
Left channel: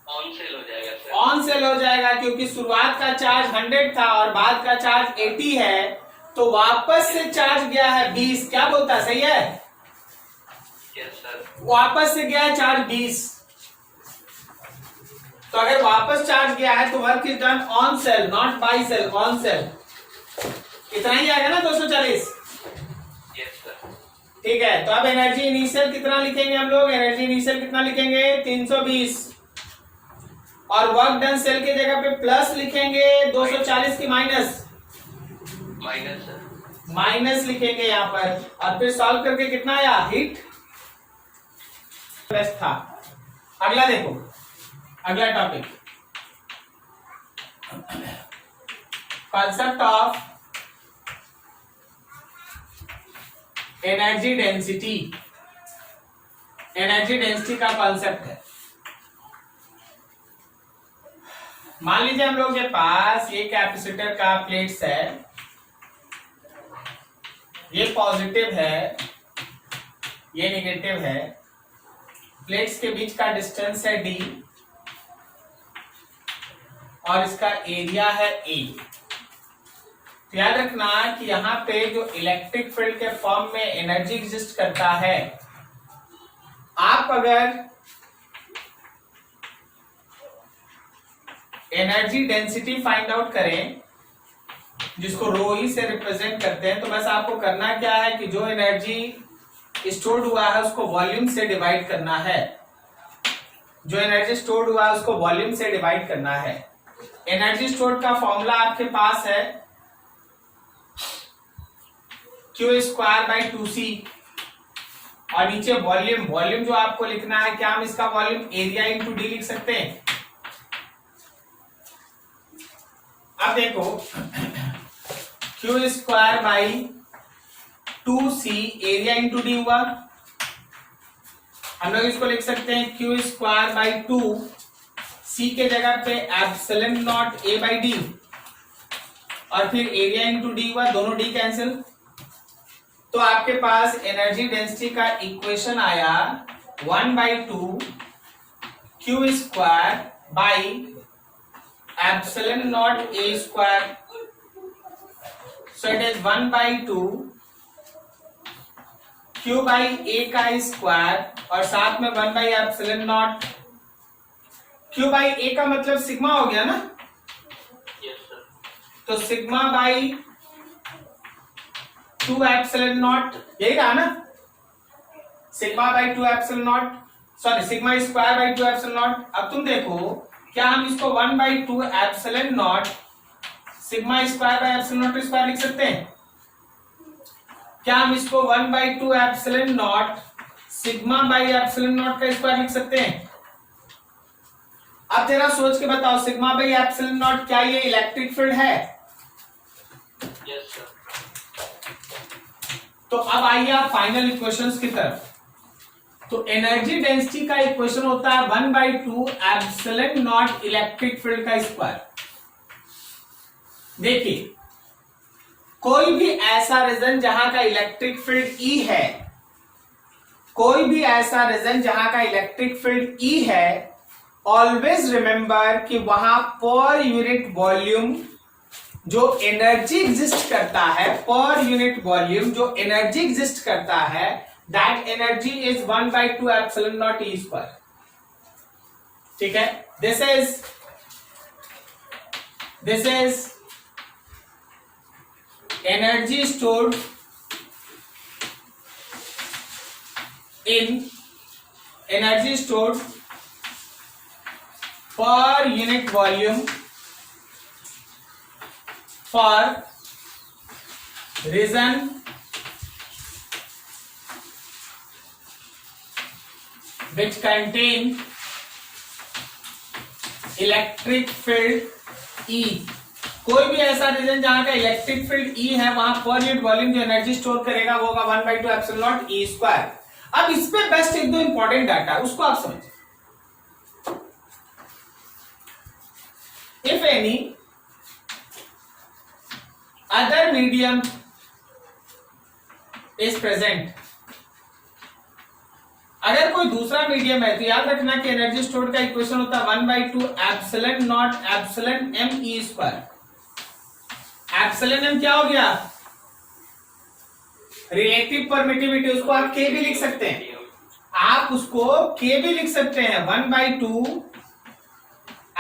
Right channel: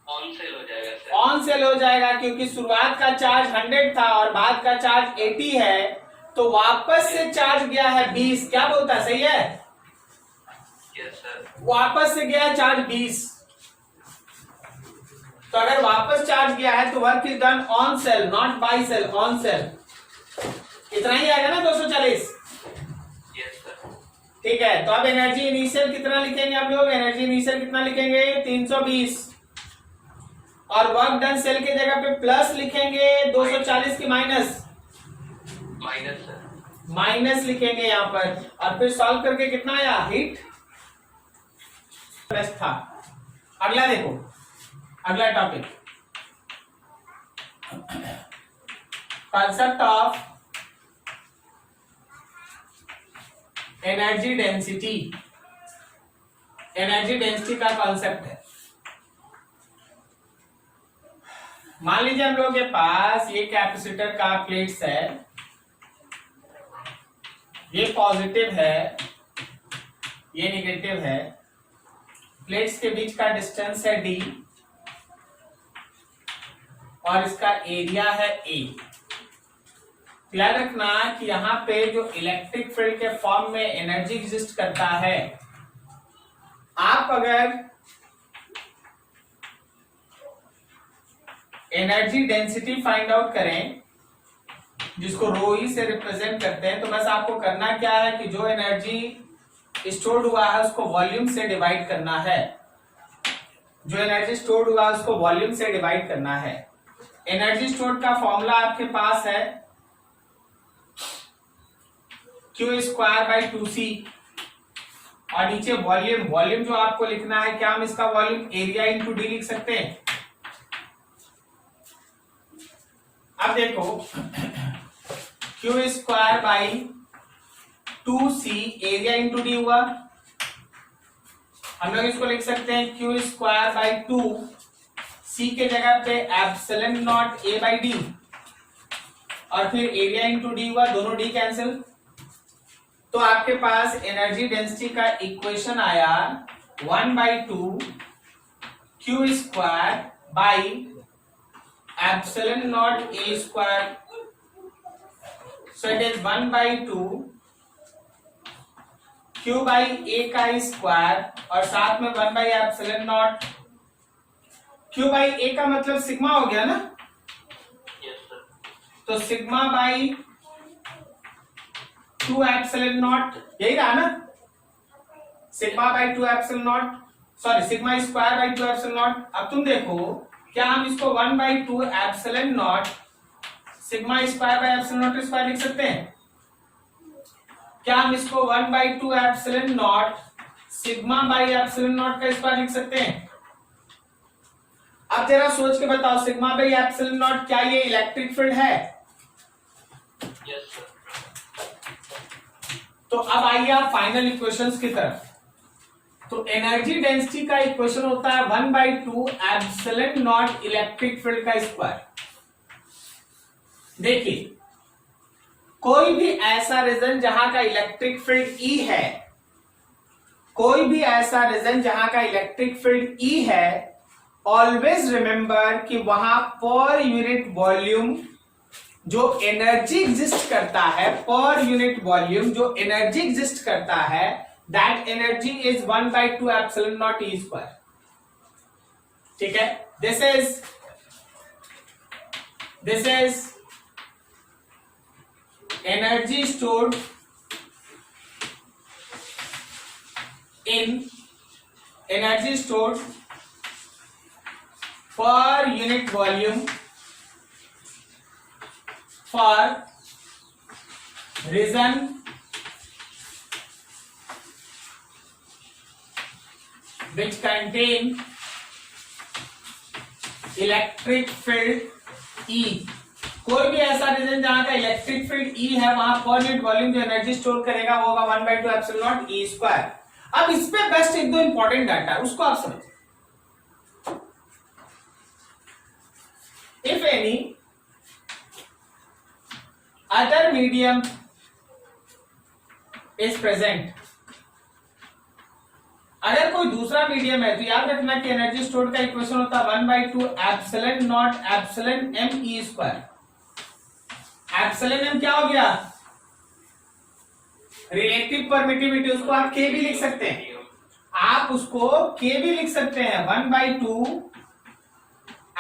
On cell हो जाएगा सर। ऑन सेल हो जाएगा, क्योंकि शुरुआत का चार्ज 100 था और बाद का चार्ज 80 है, तो वापस से चार्ज गया है 20। क्या बोलता है, सही है? Yes, sir. वापस से गया है चार्ज 20। तो अगर वापस चार्ज गया है तो work is done on cell, not by cell, on cell. इतना ही आएगा ना 240? Yes, sir. ठीक है, तो अब एनर्जी इनिशियल कितना लिखेंगे हम लोग? एनर्जी इनिशियल कितना लिखेंगे? 320। और वर्क डन सेल के जगह पे प्लस लिखेंगे, 240 की माइनस? Minus sir. माइनस लिखेंगे यहाँ पर, और फिर सॉल्व करके कितना आया? हीट प्लस था। अगला देखो, अगला topic, concept of energy density. Energy density का कॉन्सेप्ट है। मान लीजिए हम लोग के पास ये कैपेसिटर का प्लेट्स है, ये पॉजिटिव है, ये नेगेटिव है, प्लेट्स के बीच का डिस्टेंस है d और इसका एरिया है a। तो याद रखना कि यहाँ पे जो इलेक्ट्रिक फील्ड के फॉर्म में एनर्जी एग्जिस्ट करता है, आप अगर एनर्जी डेंसिटी फाइंड आउट करें, जिसको रो ई से रिप्रेजेंट करते हैं, तो बस आपको करना क्या है कि जो एनर्जी स्टोर्ड हुआ है उसको वॉल्यूम से डिवाइड करना है। जो एनर्जी स्टोर्ड हुआ है उसको वॉल्यूम से डिवाइड करना है। एनर्जी स्टोर्ड का फॉर्मूला आपके पास है Q²/2C, और नीचे वॉल्यूम, वॉल्यूम जो आपको लिखना है, क्या हम इसका वॉल्यूम एरिया इंटू डी लिख सकते हैं? अब देखो, Q²/2C एरिया इंटू डी हुआ, हम लोग इसको लिख सकते हैं Q²/2, C के जगह पे एप्सिलॉन नॉट A/D, और फिर एरिया इंटू डी हुआ, दोनों डी कैंसिल। तो आपके पास एनर्जी डेंसिटी का इक्वेशन आया 1/2 Q² epsilon not A²। So it is 1/2 Q/A का स्क्वायर, और साथ में 1/एप्सिलॉन नॉट। Q/A का मतलब सिग्मा हो गया ना? Yes, sir. तो सिग्मा बाई 2 एप्सिलॉन नॉट, यही रहा ना? Sigma by 2 epsilon not, sorry sigma square by 2 epsilon not. अब तुम देखो, क्या हम इसको 1/2 epsilon not sigma square by epsilon not square लिख सकते हैं? क्या हम इसको 1/2 epsilon not sigma by epsilon not का स्क्वायर लिख सकते हैं? अब तेरा सोच के बताओ, सिग्मा बाई एप्सिलॉन नॉट क्या ये इलेक्ट्रिक फील्ड है? Yes, sir. तो अब आइए आप फाइनल इक्वेशंस की तरफ। तो एनर्जी डेंसिटी का इक्वेशन होता है 1/2 एप्सिलॉन नॉट इलेक्ट्रिक फील्ड का स्क्वायर। देखिए, कोई भी ऐसा रीजन जहां का इलेक्ट्रिक फील्ड ई है, कोई भी ऐसा रीजन जहां का इलेक्ट्रिक फील्ड ई है, ऑलवेज रिमेंबर कि वहां पर यूनिट वॉल्यूम जो एनर्जी एग्जिस्ट करता है, पर यूनिट वॉल्यूम जो एनर्जी एग्जिस्ट करता है, that energy is 1/2 epsilon not E square. ठीक है, this is energy stored per unit volume for reason which contain electric field E। कोई भी ऐसा रीजन जहां का इलेक्ट्रिक फील्ड E है, वहां पर यूनिट वॉल्यूम जो एनर्जी स्टोर करेगा वो होगा 1/2 एप्सिलॉन नॉट E स्क्वायर। अब इस पे बेस्ट एक दो इंपॉर्टेंट डाटा है, उसको आप समझिए। If any other medium is present, अगर कोई दूसरा मीडियम है तो याद रखना कि एनर्जी स्टोर्ड का इक्वेशन होता है 1/2 epsilon not epsilon m e square. Epsilon m क्या हो गया? रिलेटिव परमिटिविटी, उसको आप k भी लिख सकते हैं, आप उसको k भी लिख सकते हैं, 1/2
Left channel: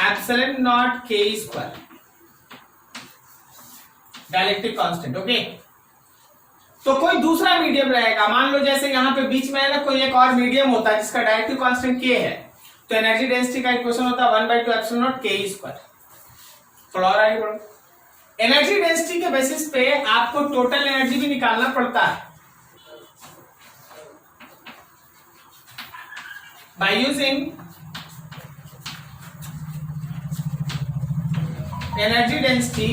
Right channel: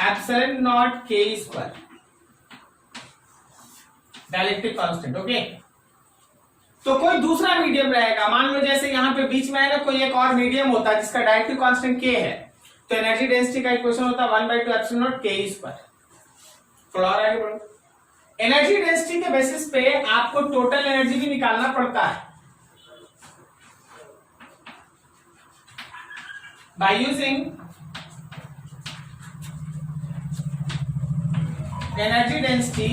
epsilon not k square, dielectric constant. Okay, तो कोई दूसरा मीडियम रहेगा, मान लो जैसे यहां पे बीच में है ना, कोई एक और मीडियम होता है जिसका डायरेक्टिव कांस्टेंट k है, तो एनर्जी डेंसिटी का इक्वेशन होता है 1/2 एप्सिलॉन नॉट k स्क्वायर। थोड़ा और आगे बढ़ो, एनर्जी डेंसिटी के बेसिस पे आपको टोटल एनर्जी भी निकालना पड़ता है by using energy density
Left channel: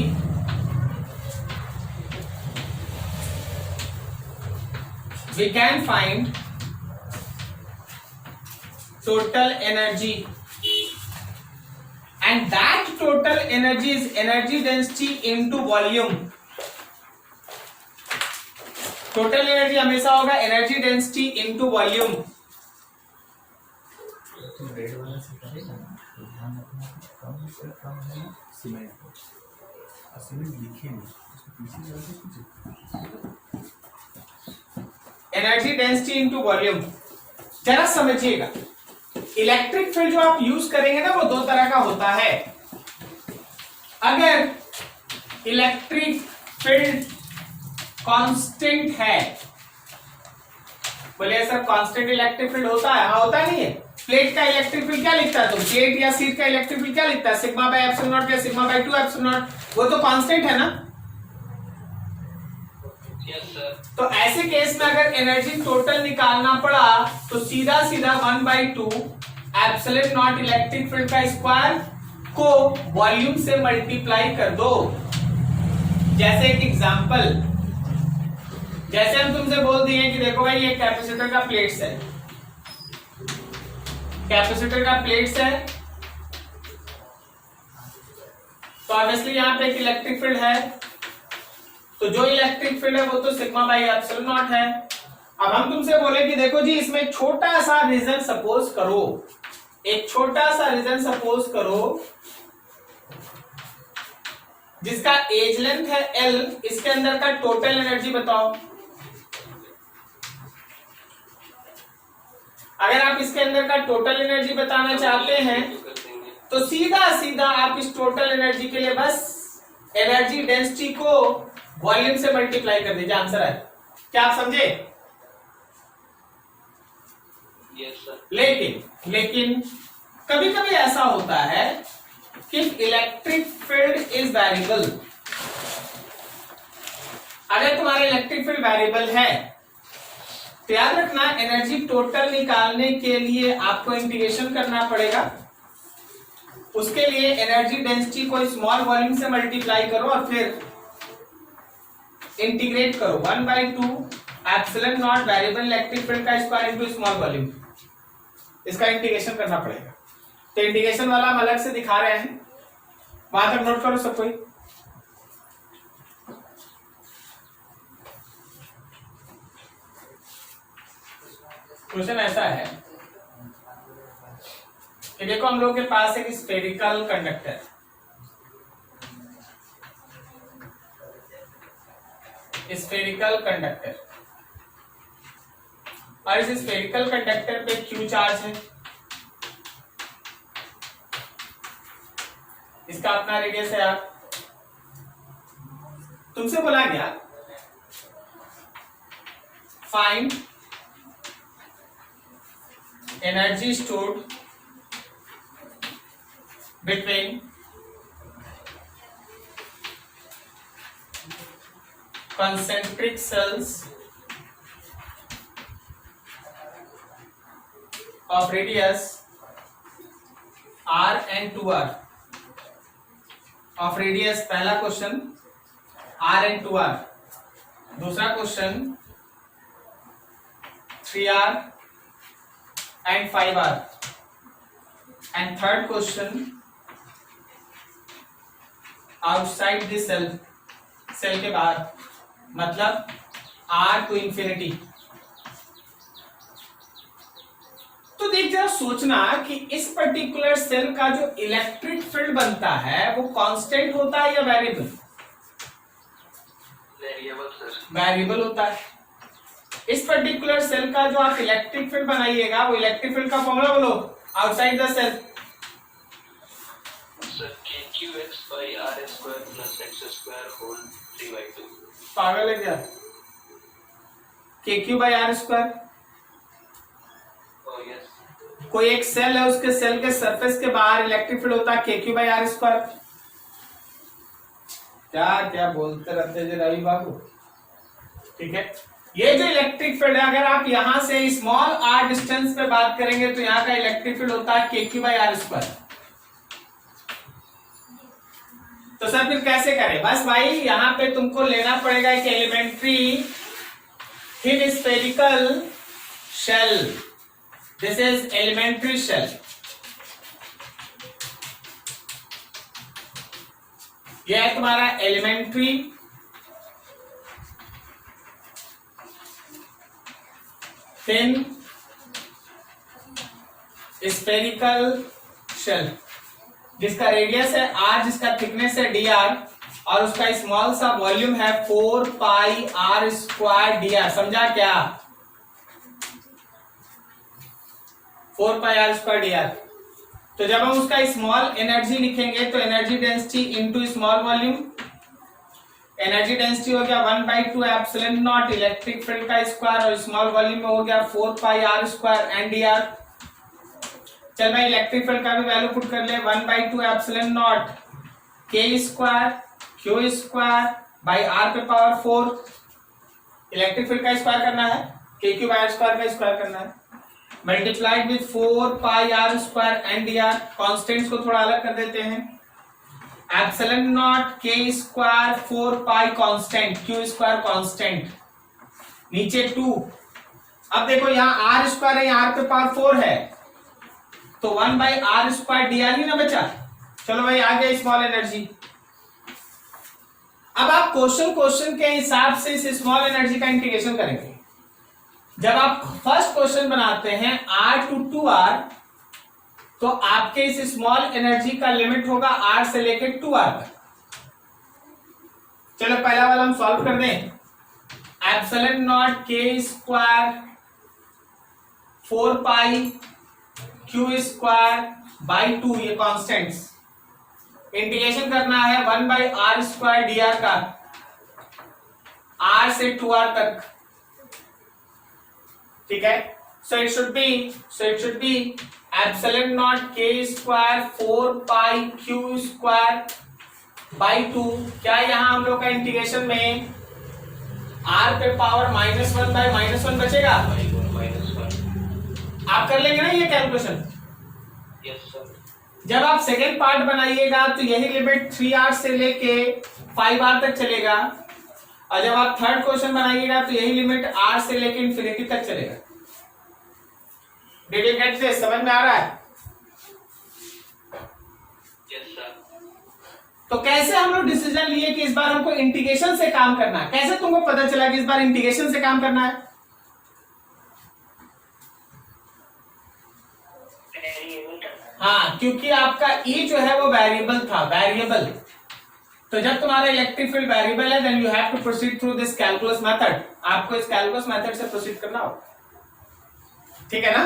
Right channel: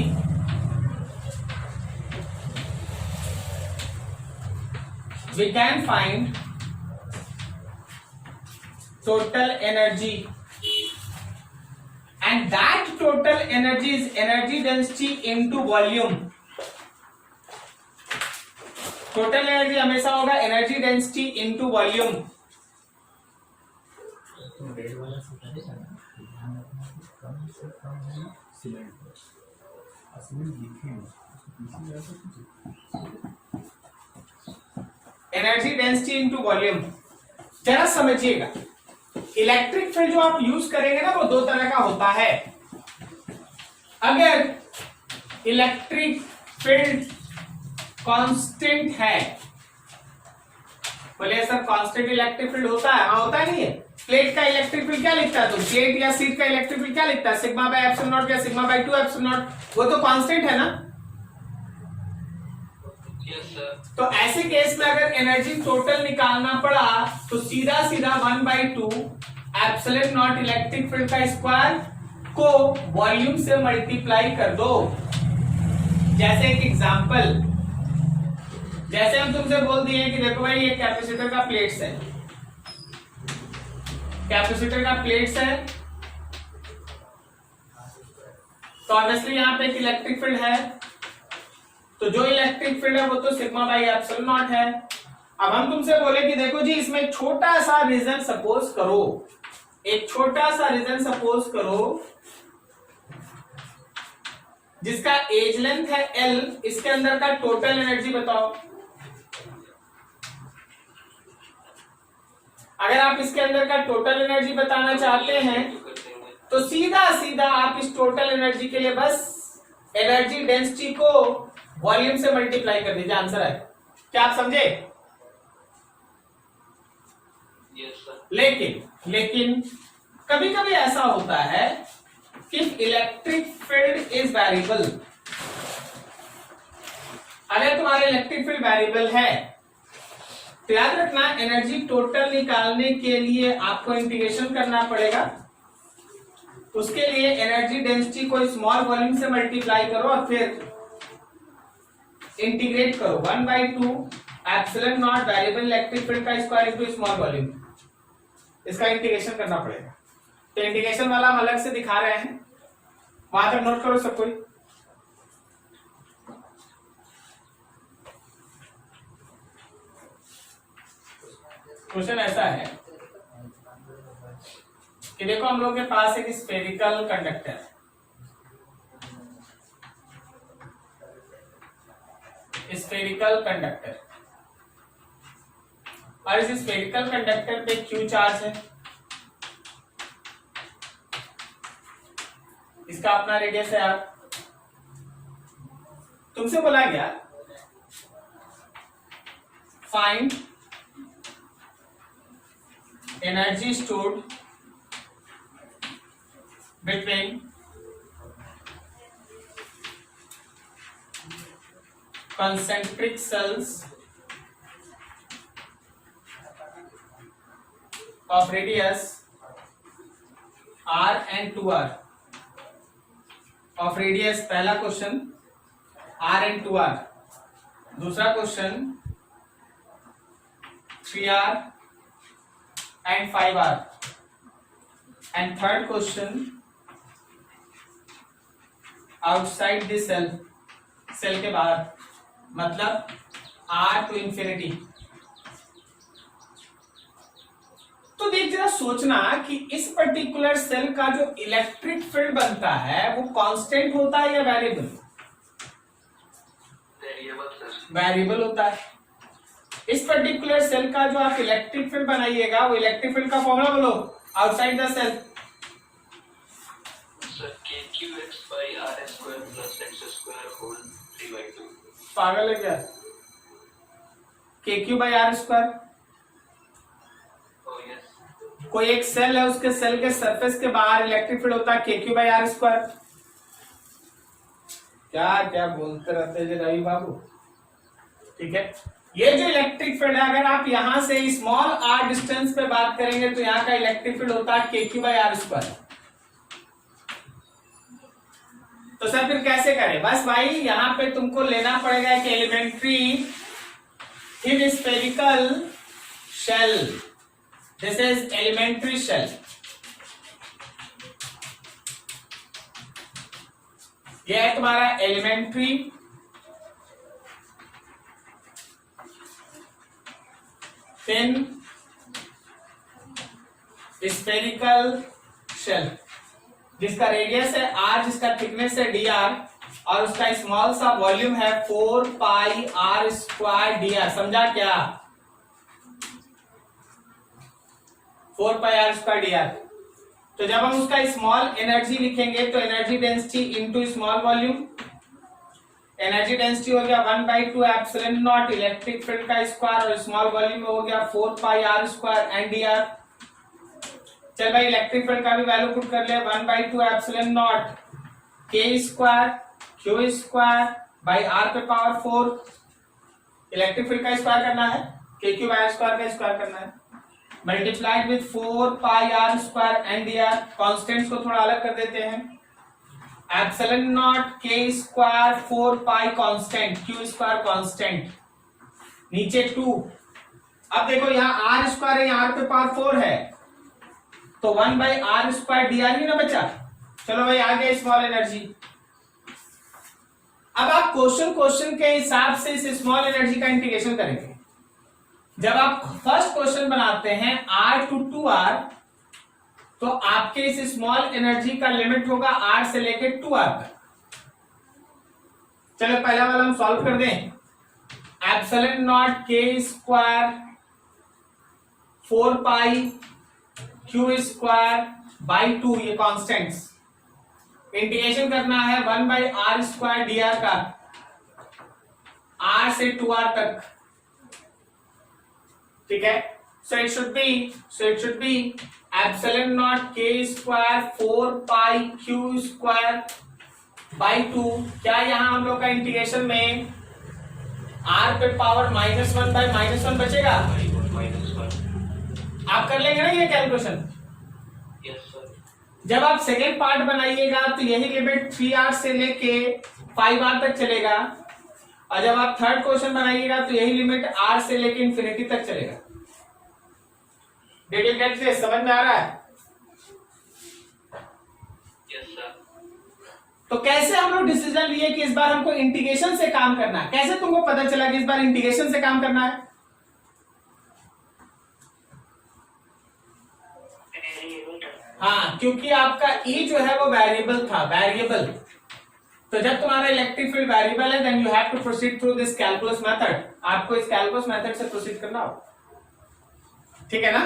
we can find total energy, and that total energy is energy density into volume। total energy हमेशा होगा energy density into volume। तो रेड वाला से करेगा ना, तो ध्यान रखना कि कम से कम है ना सीमेंट, और सीमेंट लिखे नहीं, उसको पीछे जाके कुछ एनर्जी डेंसिटी इनटू वॉल्यूम। जरा समझिएगा, इलेक्ट्रिक फील्ड जो आप यूज करेंगे ना वो दो तरह का होता है। अगर इलेक्ट्रिक फील्ड कांस्टेंट है, बोले सर कांस्टेंट इलेक्ट्रिक फील्ड होता है? हाँ होता है, नहीं है? प्लेट का इलेक्ट्रिक फील्ड क्या लिखता है तुम? प्लेट या शीट का इलेक्ट्रिक फील्ड क्या लिखता है? सिग्मा बाय एप्सिलॉन नॉट या सिग्मा बाय 2 एप्सिलॉन नॉट, वो तो कांस्टेंट है ना। तो ऐसे केस में अगर एनर्जी टोटल निकालना पड़ा तो सीधा सीधा 1/2 एप्सिलॉन नॉट इलेक्ट्रिक फील्ड का स्क्वायर को वॉल्यूम से मल्टीप्लाई कर दो। जैसे एक एग्जांपल, जैसे हम तुमसे बोल दिए कि देखो भाई ये कैपेसिटर का प्लेट्स है, कैपेसिटर का प्लेट्स है, तो ऑब्वियसली यहां पे एक इलेक्ट्रिक फील्ड है, तो जो इलेक्ट्रिक फील्ड है वो तो सिग्मा बाई एप्सिलॉन नॉट है। अब हम तुमसे बोले कि देखो जी इसमें एक छोटा सा रीजन सपोज करो, एक छोटा सा रीजन सपोज करो जिसका एज लेंथ है L, इसके अंदर का टोटल एनर्जी बताओ। अगर आप इसके अंदर का टोटल एनर्जी बताना चाहते हैं तो सीधा सीधा आप इस टोटल एनर्जी के लिए बस एनर्जी डेंसिटी को वॉल्यूम से मल्टीप्लाई कर दीजिए, आंसर है। क्या आप समझे? Yes, sir. लेकिन कभी कभी ऐसा होता है कि इलेक्ट्रिक फील्ड इज वेरिएबल। अगर तुम्हारा इलेक्ट्रिक फील्ड वेरिएबल है तो याद रखना एनर्जी टोटल निकालने के लिए आपको इंटीग्रेशन करना पड़ेगा। उसके लिए एनर्जी डेंसिटी को स्मॉल वॉल्यूम से मल्टीप्लाई करो और फिर इंटीग्रेट करो 1/2 epsilon not variable electric field का स्क्वायर इनटू स्मॉल वॉल्यूम, इसका इंटीग्रेशन करना पड़ेगा। तो इंटीग्रेशन वाला हम अलग से दिखा रहे हैं, वहां तक नोट करो सब कोई। क्वेश्चन ऐसा है कि देखो हम लोग के पास एक स्फेरिकल कंडक्टर, स्फेरिकल कंडक्टर, और इस स्फेरिकल कंडक्टर पे क्यू चार्ज है, इसका अपना रेडियस है यार। तुमसे बोला गया find energy stored between concentric cells of radius r and 2r of radius। पहला क्वेश्चन r and 2r, दूसरा क्वेश्चन 3r and 5r, and third question outside the cell, cell के बाहर, मतलब r टू इंफिनिटी। तो देख जरा सोचना कि इस पर्टिकुलर सेल का जो इलेक्ट्रिक फील्ड बनता है वो कांस्टेंट होता है या वेरिएबल? वेरिएबल होता है। इस पर्टिकुलर सेल का जो आप इलेक्ट्रिक फील्ड बनाइएगा वो इलेक्ट्रिक फील्ड का फॉर्मूला बोलो outside the cell. KQX by R square plus X square whole 3/2। पागल है क्या? KQ by R square. Oh yes। कोई एक सेल है, उसके सेल के सरफेस के बाहर इलेक्ट्रिक फील्ड होता है KQ by R स्क्वायर। क्या क्या बोलते रहते हैं रवि बाबू, ठीक है। ये जो इलेक्ट्रिक फील्ड है, अगर आप यहां से स्मॉल r डिस्टेंस पे बात करेंगे तो यहाँ का इलेक्ट्रिक फील्ड होता है KQ by R स्क्वायर। तो सर फिर कैसे करें? बस भाई यहां पे तुमको लेना पड़ेगा एक elementary thin spherical shell. This is elementary shell. यह है तुम्हारा एलिमेंट्री थिन स्फेरिकल शेल, जिसका रेडियस है r, जिसका थिकनेस है dr, और उसका स्मॉल सा वॉल्यूम है 4 पाई r स्क्वायर dr। समझा क्या? 4 पाई r स्क्वायर dr। तो जब हम उसका स्मॉल एनर्जी लिखेंगे तो energy density into small volume, energy density हो गया 1/2 एप्सिलॉन नॉट इलेक्ट्रिक फील्ड का स्क्वायर, और स्मॉल वॉल्यूम में हो गया 4 पाई r स्क्वायर एंड dr। चल भाई इलेक्ट्रिक फील्ड का भी वैल्यू पुट कर ले 1/2 epsilon not k square q square by r पे पावर 4। इलेक्ट्रिक फील्ड का स्क्वायर करना है, kq बाई r स्क्वायर का स्क्वायर करना है, multiplied with 4 pi r square and dr। Constants को थोड़ा अलग कर देते हैं, epsilon not k square 4 pi constant, q square constant, नीचे 2। अब देखो यहाँ r स्क्वायर है, यहाँ r पे पावर 4 है, तो 1/r स्क्वायर dr ही ना बचा। चलो भाई आ गया स्मॉल एनर्जी। अब आप क्वेश्चन के हिसाब से इस स्मॉल एनर्जी का इंटीग्रेशन करेंगे। जब आप फर्स्ट क्वेश्चन बनाते हैं r टू 2r, तो आपके इस स्मॉल एनर्जी का लिमिट होगा r से लेके 2r तक। चलो पहला वाला हम सॉल्व कर दें। Epsilon not k square 4 pi q square by 2, ये कॉन्स्टेंट्स। इंटीग्रेशन करना है 1/r स्क्वायर dr का r से 2r तक, ठीक है। So it should be epsilon not k square 4 pi q square by 2। क्या यहां हम लोग का इंटीग्रेशन में r पे पावर -1/-1 बचेगा? आप कर लेंगे ना ये कैलकुलेशन? Yes sir. जब आप सेकेंड पार्ट बनाइएगा तो यही लिमिट 3r से लेके 5r तक चलेगा, और जब आप थर्ड क्वेश्चन बनाइएगा तो यही लिमिट r से लेके इंफिनिटी तक चलेगा। Did you get this? समझ में आ रहा है? Yes sir. तो कैसे हम लोग डिसीजन लिए कि इस बार हमको इंटीग्रेशन से काम करना है? कैसे तुमको पता चला कि इस बार इंटीग्रेशन से काम करना है? हाँ, क्योंकि आपका ई जो है वो वेरिएबल था, वेरिएबल। तो जब तुम्हारा इलेक्ट्रिक फील्ड वेरिएबल है, then you have to proceed through this calculus method. आपको इस कैलकुलस मेथड से प्रोसीड करना होगा, ठीक है ना।